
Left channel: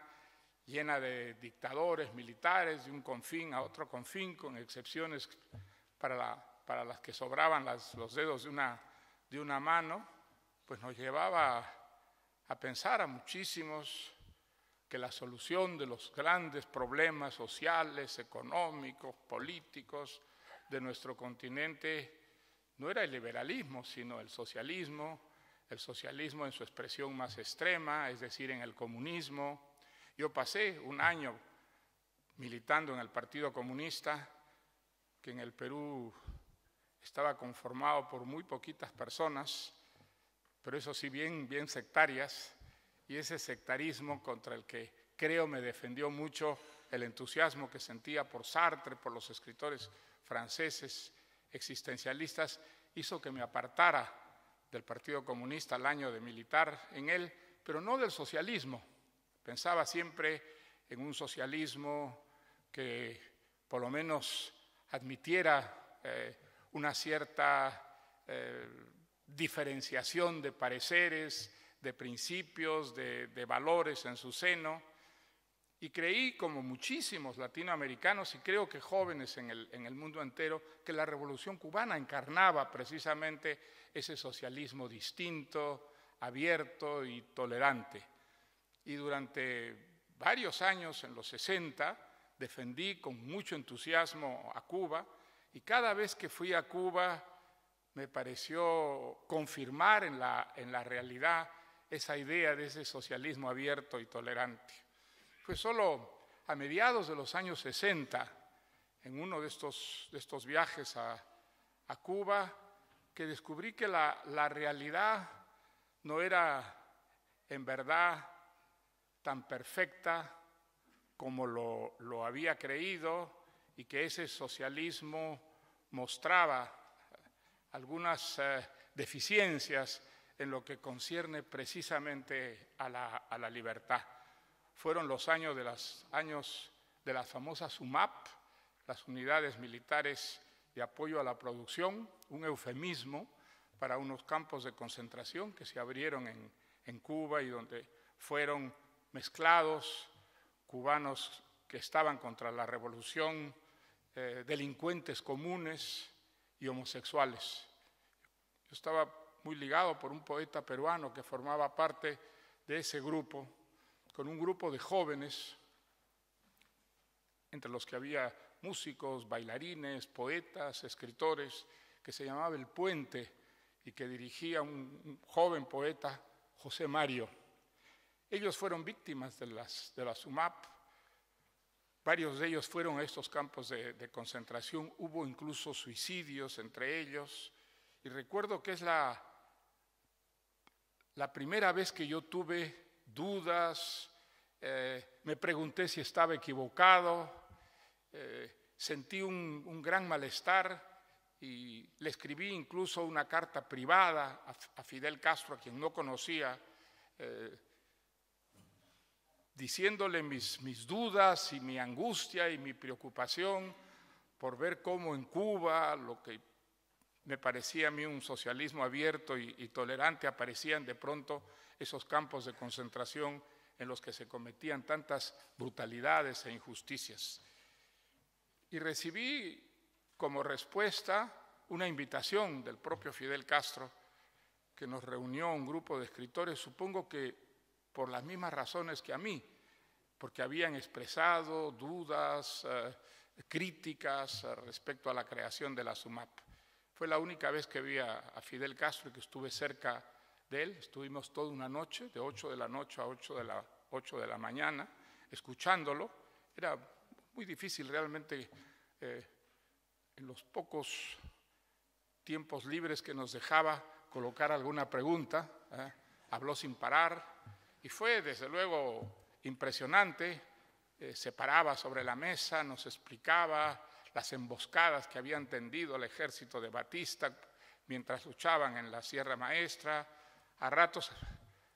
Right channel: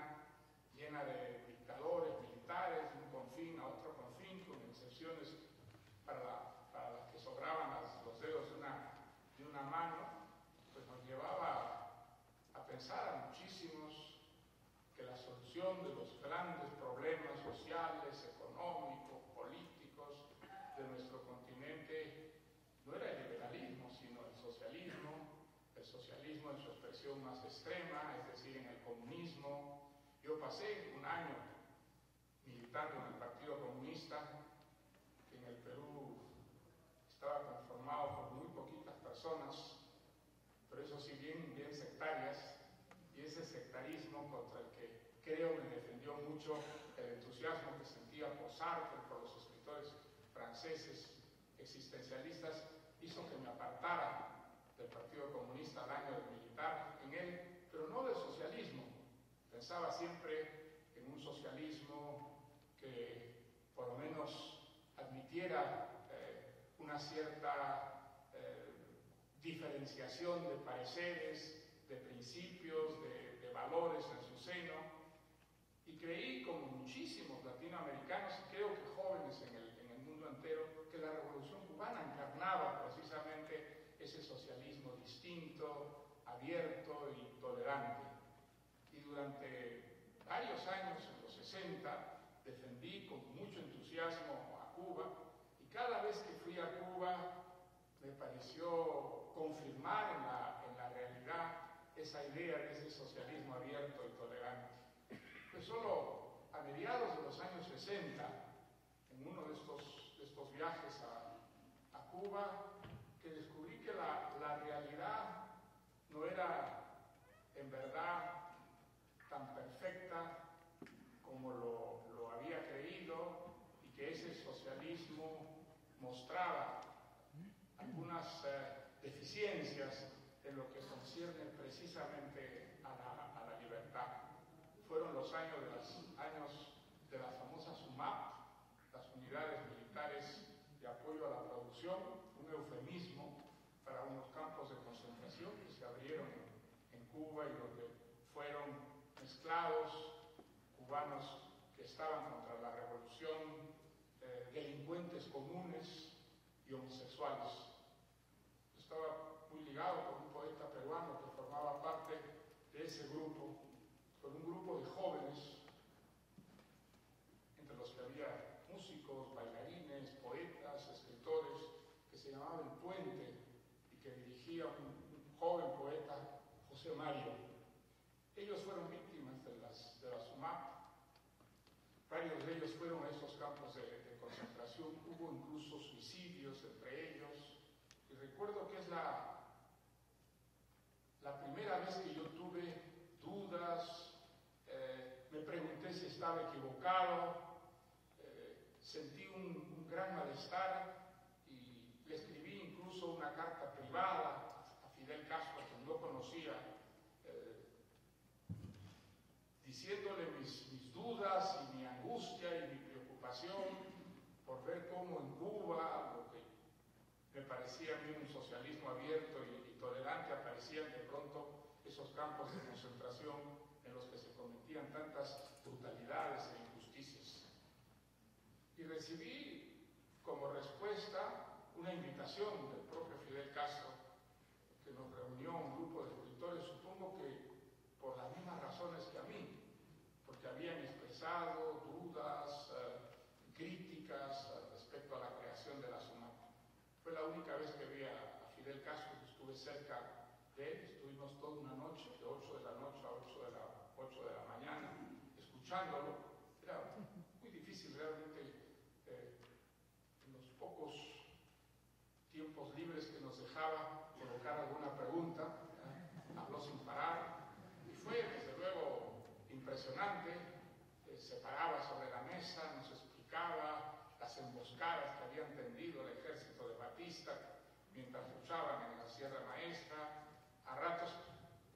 llena de dictadores militares, de un confín a otro confín, con excepciones para las que sobraban los dedos de una mano, pues nos llevaba a pensar a muchísimos que la solución de los grandes problemas sociales, económicos, políticos de nuestro continente no era el liberalismo, sino el socialismo en su expresión más extrema, es decir, en el comunismo. Yo pasé un año militando en el Partido Comunista, que en el Perú estaba conformado por muy poquitas personas, pero eso sí bien sectarias, y ese sectarismo contra el que creo me defendió mucho el entusiasmo que sentía por Sartre, por los escritores franceses existencialistas, hizo que me apartara del Partido Comunista al año de militar en él, pero no del socialismo. Pensaba siempre en un socialismo que por lo menos admitiera una cierta diferenciación de pareceres, de principios, de valores en su seno, y creí, como muchísimos latinoamericanos y creo que jóvenes en el mundo entero, que la Revolución Cubana encarnaba precisamente ese socialismo distinto, abierto y tolerante. Y durante varios años, en los 60, defendí con mucho entusiasmo a Cuba, y cada vez que fui a Cuba me pareció confirmar en la realidad esa idea de ese socialismo abierto y tolerante. Fue solo a mediados de los años 60, en uno de estos viajes a Cuba, que descubrí que la realidad no era en verdad tan perfecta como lo había creído, y que ese socialismo mostraba algunas deficiencias en lo que concierne precisamente a la libertad. Fueron los años de las famosas UMAP, las unidades militares de apoyo a la producción, un eufemismo para unos campos de concentración que se abrieron en Cuba y donde fueron mezclados cubanos que estaban contra la revolución, delincuentes comunes y homosexuales. Yo estaba muy ligado por un poeta peruano que formaba parte de ese grupo, con un grupo de jóvenes entre los que había músicos, bailarines, poetas, escritores, que se llamaba El Puente y que dirigía un joven poeta, José Mario. Ellos fueron víctimas de la SUMAP. Varios de ellos fueron a estos campos de concentración. Hubo incluso suicidios entre ellos. Y recuerdo que es la primera vez que yo tuve dudas. Me pregunté si estaba equivocado. Sentí un gran malestar y le escribí incluso una carta privada a Fidel Castro, a quien no conocía, diciéndole mis dudas y mi angustia y mi preocupación por ver cómo en Cuba, lo que me parecía a mí un socialismo abierto y tolerante, aparecían de pronto esos campos de concentración en los que se cometían tantas brutalidades e injusticias. Y recibí como respuesta una invitación del propio Fidel Castro, que nos reunió un grupo de escritores, supongo que por las mismas razones que a mí, porque habían expresado dudas, críticas respecto a la creación de la SUMAP. Fue la única vez que vi a Fidel Castro y que estuve cerca de él. Estuvimos toda una noche, de 8 de la noche a 8 de la mañana, escuchándolo. Era muy difícil realmente, en los pocos tiempos libres que nos dejaba, colocar alguna pregunta. Habló sin parar y fue desde luego impresionante. Se paraba sobre la mesa, nos explicaba las emboscadas que habían tendido el ejército de Batista mientras luchaban en la Sierra Maestra. A ratos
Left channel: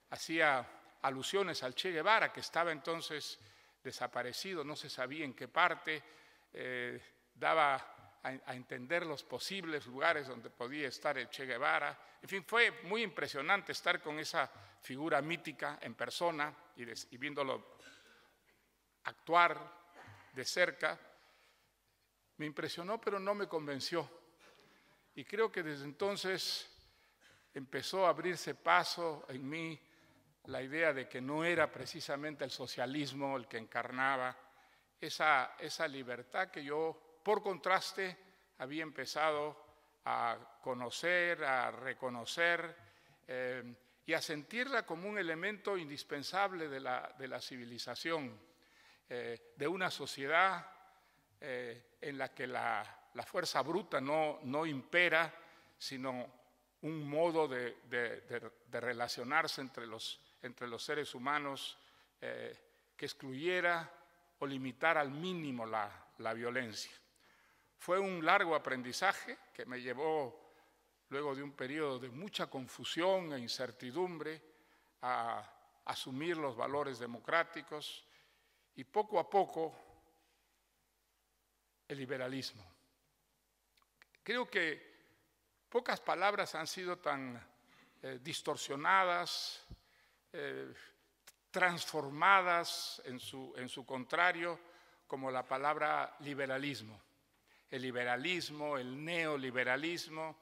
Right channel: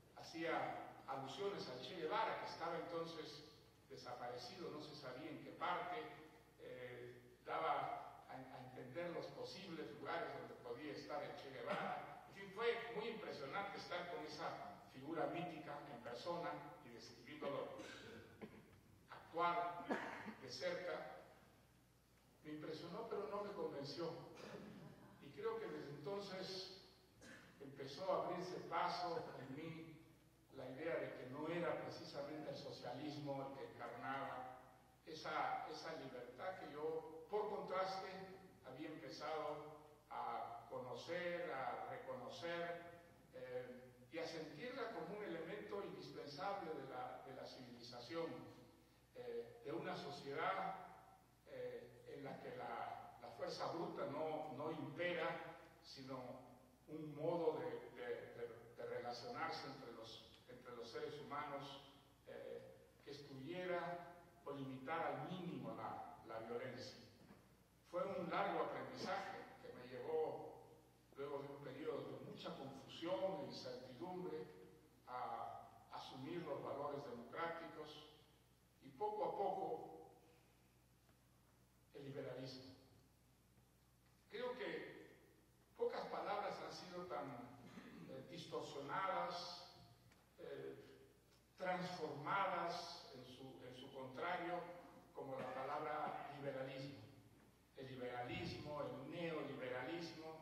hacía alusiones al Che Guevara, que estaba entonces desaparecido, no se sabía en qué parte. Daba a entender los posibles lugares donde podía estar el Che Guevara. En fin, fue muy impresionante estar con esa figura mítica en persona y viéndolo actuar de cerca. Me impresionó, pero no me convenció. Y creo que desde entonces empezó a abrirse paso en mí la idea de que no era precisamente el socialismo el que encarnaba esa libertad que yo, por contraste, había empezado a conocer, a reconocer y a sentirla como un elemento indispensable de la civilización, de una sociedad en la que la fuerza bruta no impera, sino un modo de relacionarse entre los seres humanos que excluyera o limitara al mínimo la violencia. Fue un largo aprendizaje que me llevó, luego de un periodo de mucha confusión e incertidumbre, a asumir los valores democráticos y poco a poco el liberalismo. Creo que pocas palabras han sido tan distorsionadas, transformadas en su contrario, como la palabra liberalismo. El liberalismo, el neoliberalismo,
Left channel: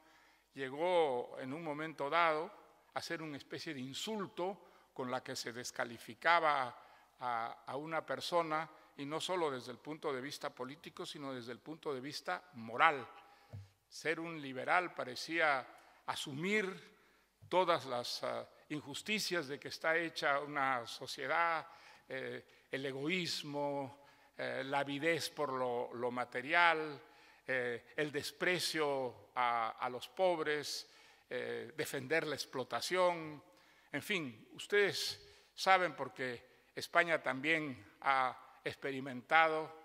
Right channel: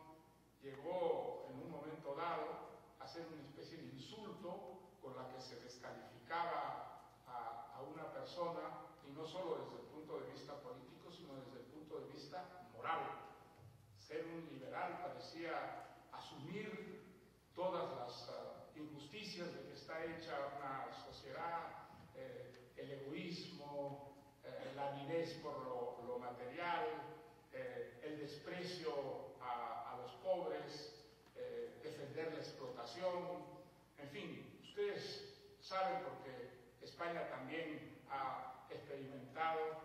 llegó en un momento dado a ser una especie de insulto con la que se descalificaba a una persona, y no solo desde el punto de vista político, sino desde el punto de vista moral. Ser un liberal parecía asumir todas las injusticias de que está hecha una sociedad, el egoísmo, la avidez por lo material, el desprecio a los pobres, defender la explotación. En fin, ustedes saben, porque España también ha experimentado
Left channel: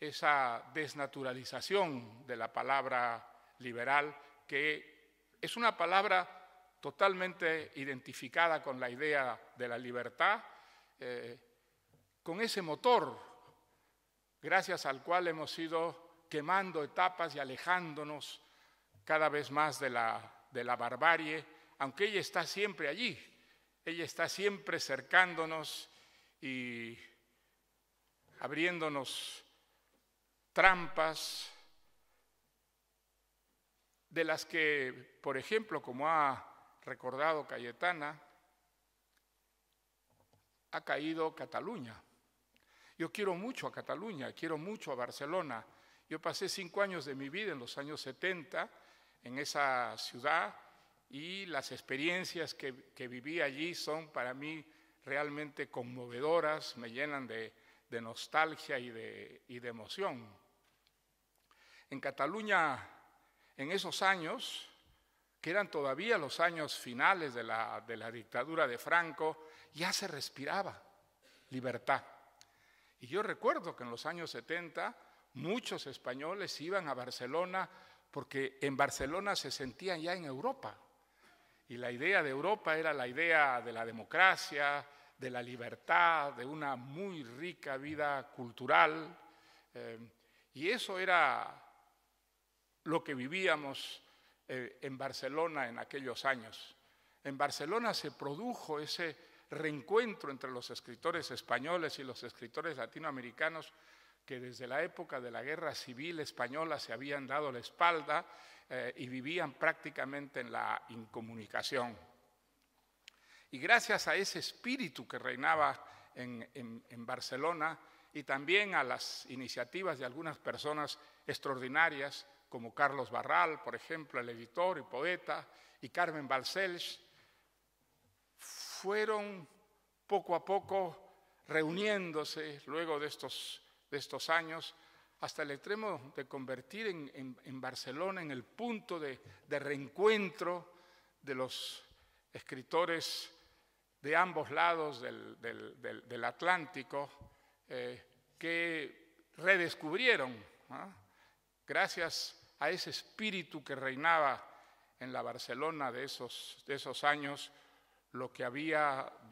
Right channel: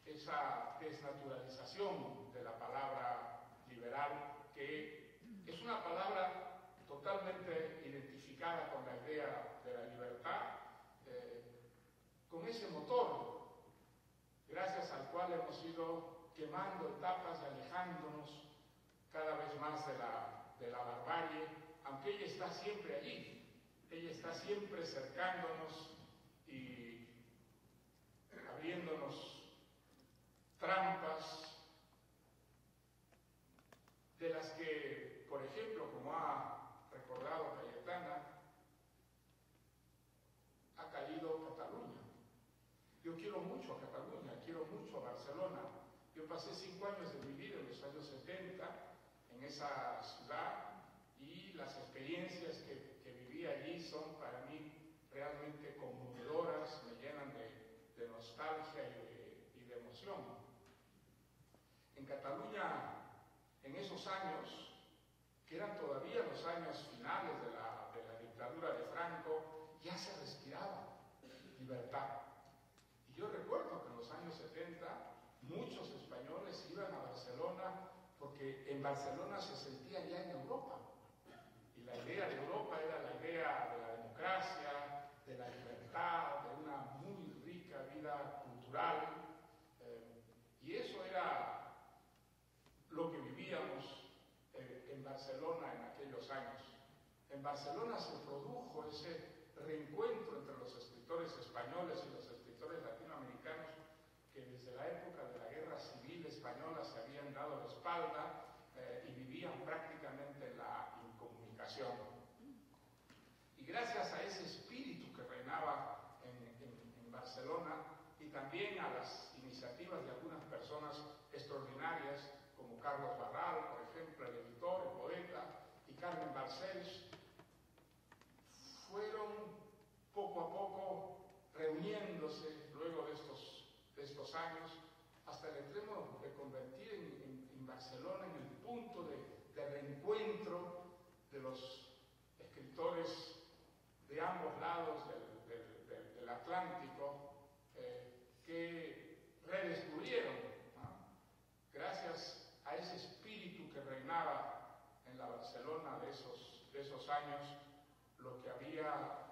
esa desnaturalización de la palabra liberal, que es una palabra totalmente identificada con la idea de la libertad, con ese motor gracias al cual hemos ido quemando etapas y alejándonos cada vez más de la barbarie, aunque ella está siempre allí, ella está siempre cercándonos y abriéndonos trampas de las que, por ejemplo, como ha recordado Cayetana, ha caído Cataluña. Yo quiero mucho a Cataluña, quiero mucho a Barcelona. Yo pasé 5 años de mi vida en los años 70 en esa ciudad y las experiencias que viví allí son para mí realmente conmovedoras, me llenan de nostalgia y de emoción. En Cataluña, en esos años, que eran todavía los años finales de la dictadura de Franco, ya se respiraba libertad. Y yo recuerdo que en los años 70 muchos españoles iban a Barcelona porque en Barcelona se sentían ya en Europa. Y la idea de Europa era la idea de la democracia, de la libertad, de una muy rica vida cultural. Y eso era lo que vivíamos en Barcelona en aquellos años. En Barcelona se produjo ese reencuentro entre los escritores españoles y los escritores latinoamericanos que desde la época de la Guerra Civil Española se habían dado la espalda y vivían prácticamente en la incomunicación. Y gracias a ese espíritu que reinaba en Barcelona y también a las iniciativas de algunas personas extraordinarias, como Carlos Barral, por ejemplo, el editor y poeta, y Carmen Balcells, fueron poco a poco reuniéndose luego de estos años hasta el extremo de convertir en Barcelona en el punto de reencuentro de los escritores de ambos lados del Atlántico que redescubrieron, ¿no?, gracias a ese espíritu que reinaba en la Barcelona de esos años, lo que había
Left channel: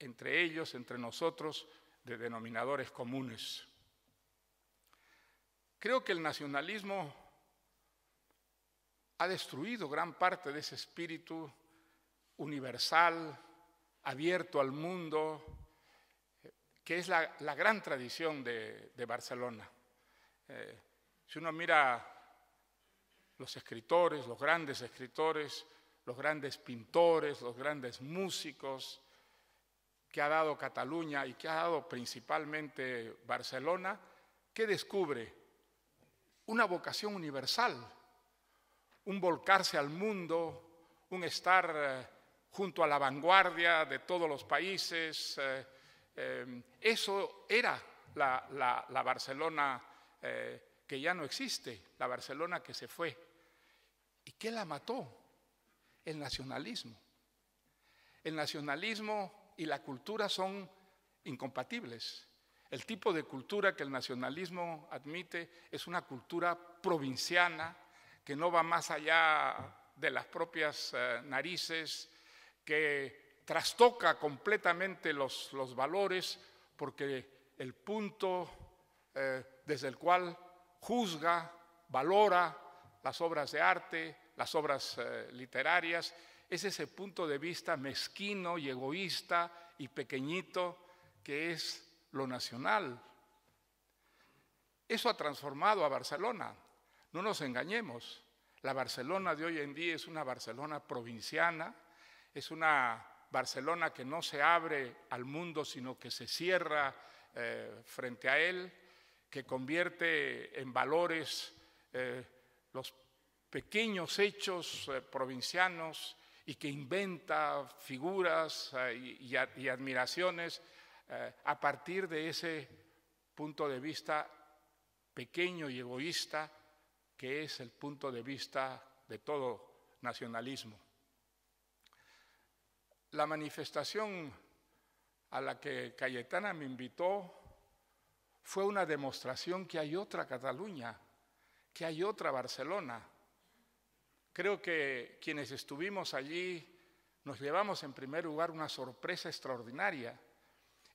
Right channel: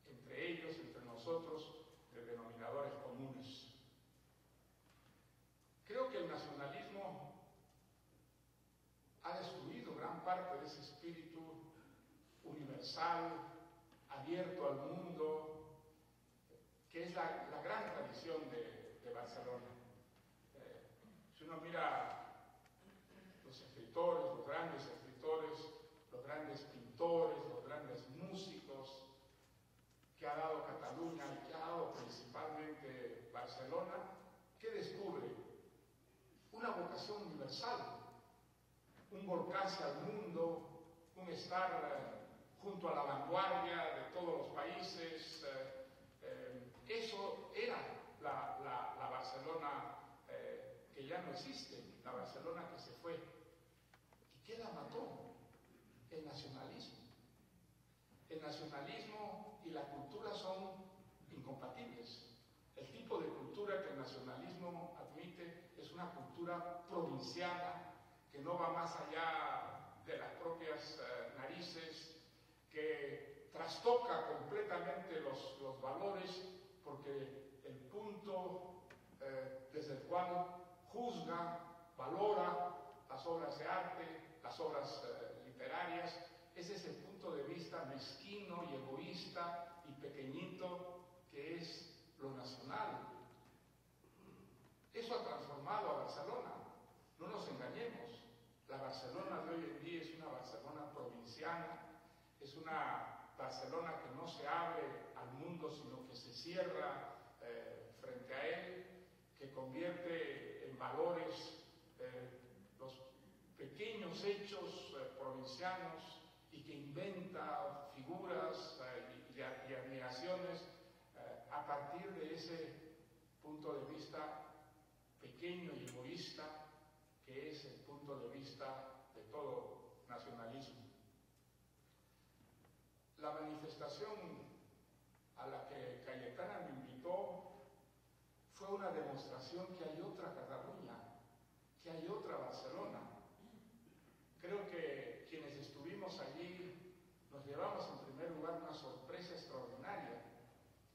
entre ellos, entre nosotros, de denominadores comunes. Creo que el nacionalismo ha destruido gran parte de ese espíritu universal, abierto al mundo, que es la gran tradición de Barcelona. Si uno mira los escritores, los grandes pintores, los grandes músicos que ha dado Cataluña y que ha dado principalmente Barcelona, ¿qué descubre? Una vocación universal, un volcarse al mundo, un estar junto a la vanguardia de todos los países. Eso era la Barcelona que ya no existe, la Barcelona que se fue. ¿Y qué la mató? El nacionalismo. El nacionalismo y la cultura son incompatibles. El tipo de cultura que el nacionalismo admite es una cultura provinciana que no va más allá de las propias narices, que trastoca completamente los valores, porque el punto desde el cual juzga, valora las obras de arte, las obras literarias, es ese punto de vista mezquino y egoísta y pequeñito que es lo nacional. Eso ha transformado a Barcelona. No nos engañemos. La Barcelona de hoy en día es una Barcelona provinciana, es una Barcelona que no se abre al mundo, sino que se cierra frente a él, que convierte en valores los pequeños hechos provincianos y que inventa figuras y admiraciones a partir de ese punto de vista pequeño y egoísta que es el punto de vista de todo nacionalismo. La manifestación a la que Cayetana me invitó fue una demostración que hay otra Cataluña, que hay otra Barcelona. Creo que quienes estuvimos allí nos llevamos en primer lugar una sorpresa extraordinaria.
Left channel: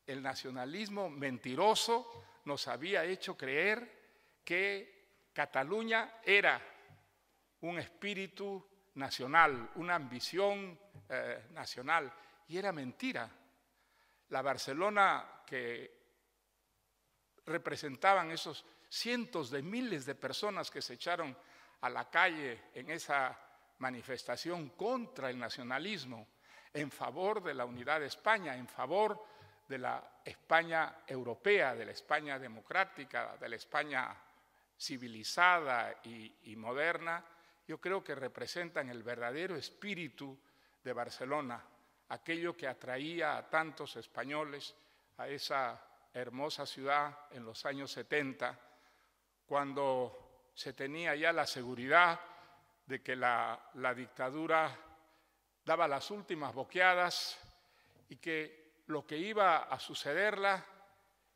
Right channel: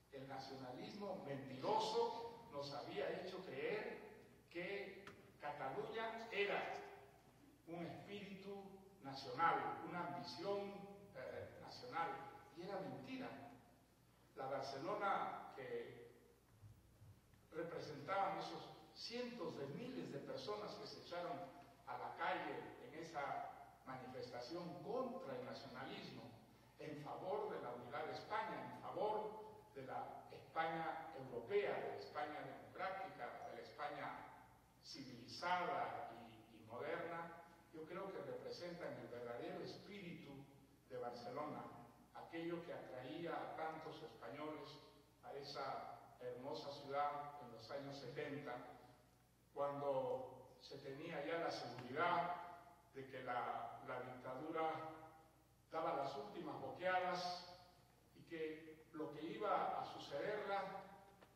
El nacionalismo mentiroso nos había hecho creer que Cataluña era un espíritu nacional, una ambición nacional, y era mentira. La Barcelona que representaban esos cientos de miles de personas que se echaron a la calle en esa manifestación contra el nacionalismo, en favor de la unidad de España, en favor de la España europea, de la España democrática, de la España civilizada y moderna, yo creo que representan el verdadero espíritu de Barcelona, aquello que atraía a tantos españoles a esa hermosa ciudad en los años 70, cuando se tenía ya la seguridad de que la dictadura daba las últimas boqueadas y que lo que iba a sucederla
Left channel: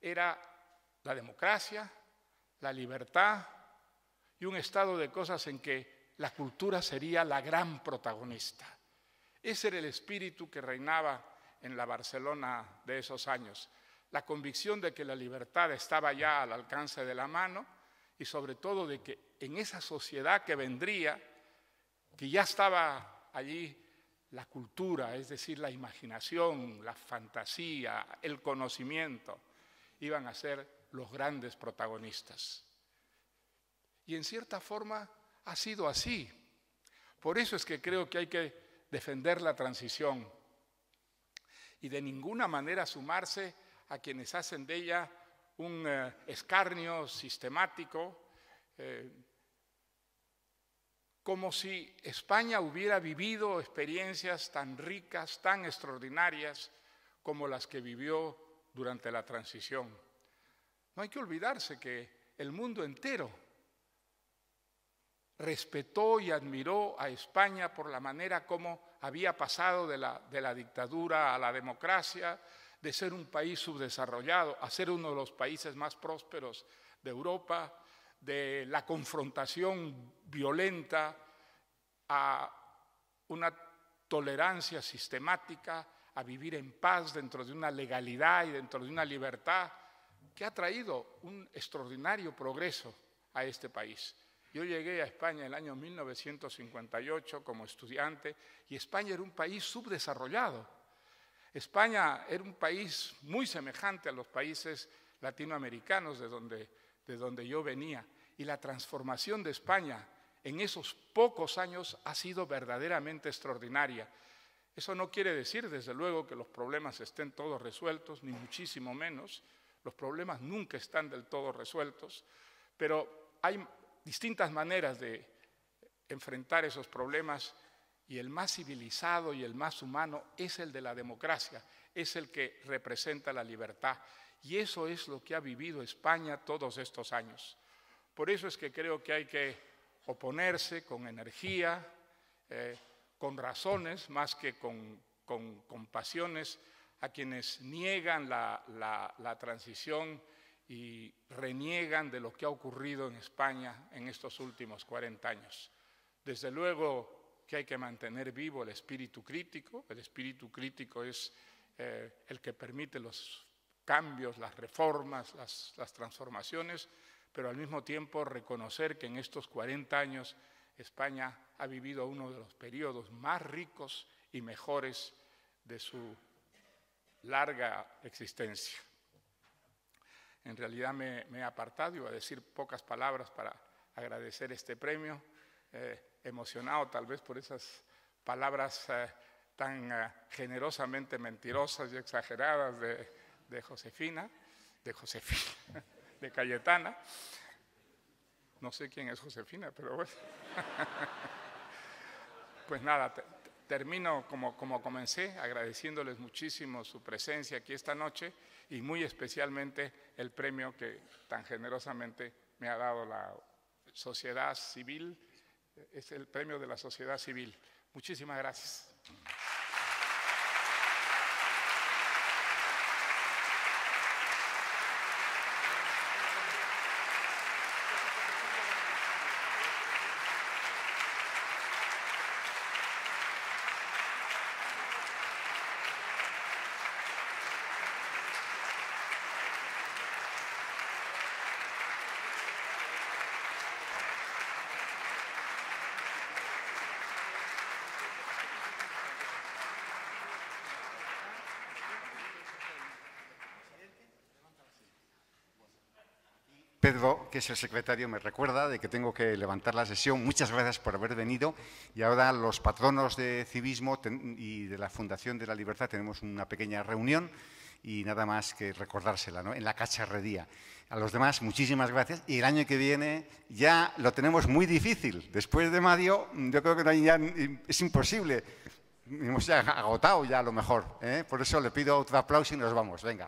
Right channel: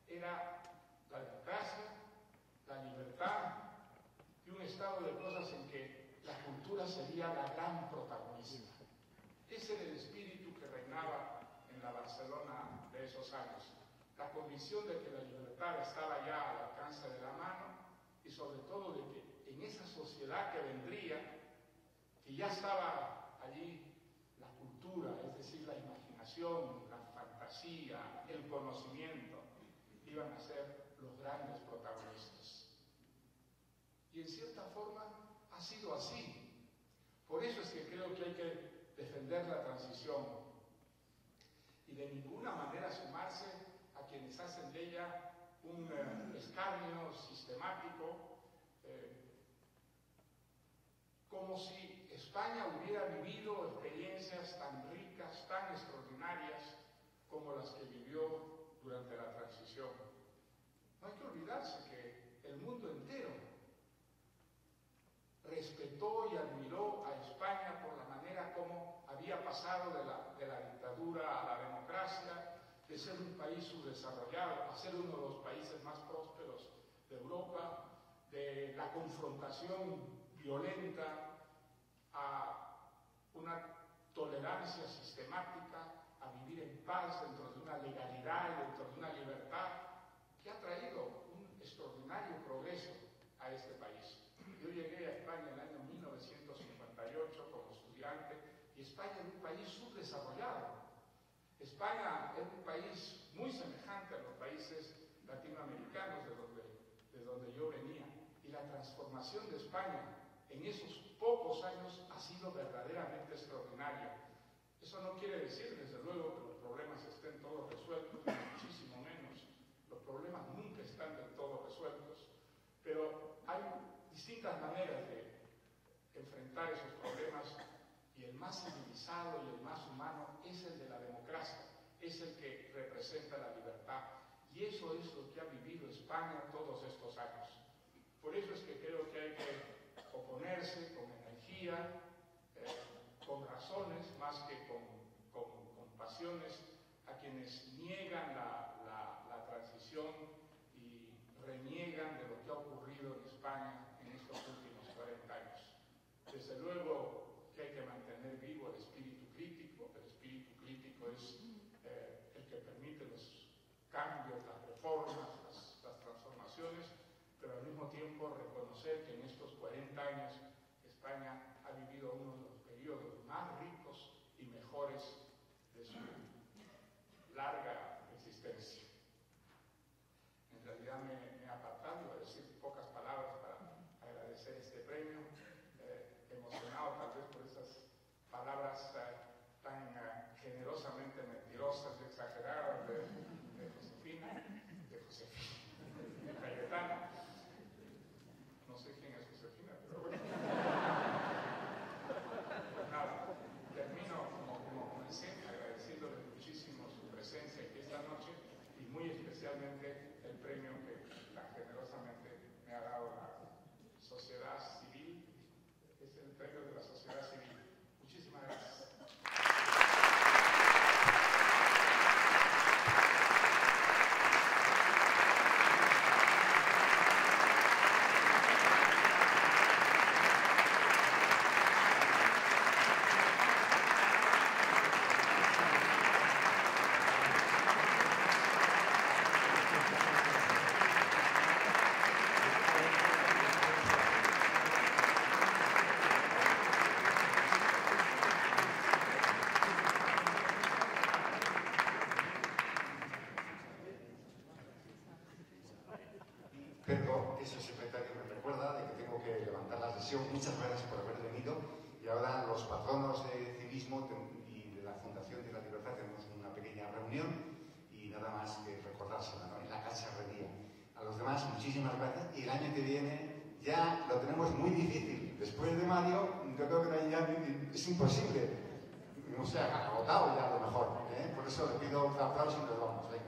era la democracia, la libertad y un estado de cosas en que la cultura sería la gran protagonista. Ese era el espíritu que reinaba en la Barcelona de esos años. La convicción de que la libertad estaba ya al alcance de la mano y sobre todo de que en esa sociedad que vendría, que ya estaba allí la cultura, es decir, la imaginación, la fantasía, el conocimiento, iban a ser los grandes protagonistas. Y en cierta forma ha sido así. Por eso es que creo que hay que defender la transición y de ninguna manera sumarse a quienes hacen de ella un escarnio sistemático, como si España hubiera vivido experiencias tan ricas, tan extraordinarias como las que vivió durante la transición. No hay que olvidarse que el mundo entero respetó y admiró a España por la manera como había pasado de la dictadura a la democracia, de ser un país subdesarrollado a ser uno de los países más prósperos de Europa, de la confrontación violenta a una tolerancia sistemática, a vivir en paz dentro de una legalidad y dentro de una libertad que ha traído un extraordinario progreso a este país. Yo llegué a España en el año 1958 como estudiante y España era un país subdesarrollado. España era un país muy semejante a los países latinoamericanos de donde yo venía. Y la transformación de España en esos pocos años ha sido verdaderamente extraordinaria. Eso no quiere decir, desde luego, que los problemas estén todos resueltos, ni muchísimo menos. Los problemas nunca están del todo resueltos, pero hay distintas maneras de enfrentar esos problemas y el más civilizado y el más humano es el de la democracia, es el que representa la libertad. Y eso es lo que ha vivido España todos estos años. Por eso es que creo que hay que oponerse con energía, con razones, más que con pasiones, a quienes niegan la transición y reniegan de lo que ha ocurrido en España en estos últimos 40 años. Desde luego que hay que mantener vivo el espíritu crítico. El espíritu crítico es el que permite los cambios, las reformas, las transformaciones, pero al mismo tiempo reconocer que en estos 40 años España ha vivido uno de los periodos más ricos y mejores de su larga existencia. En realidad me he apartado, iba a decir pocas palabras para agradecer este premio, emocionado tal vez por esas palabras tan generosamente mentirosas y exageradas de Cayetana. No sé quién es Josefina, pero bueno. Pues nada, termino como comencé, agradeciéndoles muchísimo su presencia aquí esta noche y muy especialmente el premio que tan generosamente me ha dado la sociedad civil. Es el premio de la sociedad civil. Muchísimas gracias. Pedro, que es el secretario, me recuerda de que tengo que levantar la sesión. Muchas gracias por haber venido. Y ahora los patronos de civismo y de la Fundación de la Libertad tenemos una pequeña reunión y nada más que recordársela, ¿no? En la cacharrería. A los demás, muchísimas gracias. Y el año que viene ya lo tenemos muy difícil. Después de Mario, yo creo que ya es imposible. Hemos ya agotado ya a lo mejor, ¿eh? Por eso le pido otro aplauso y nos vamos. Venga.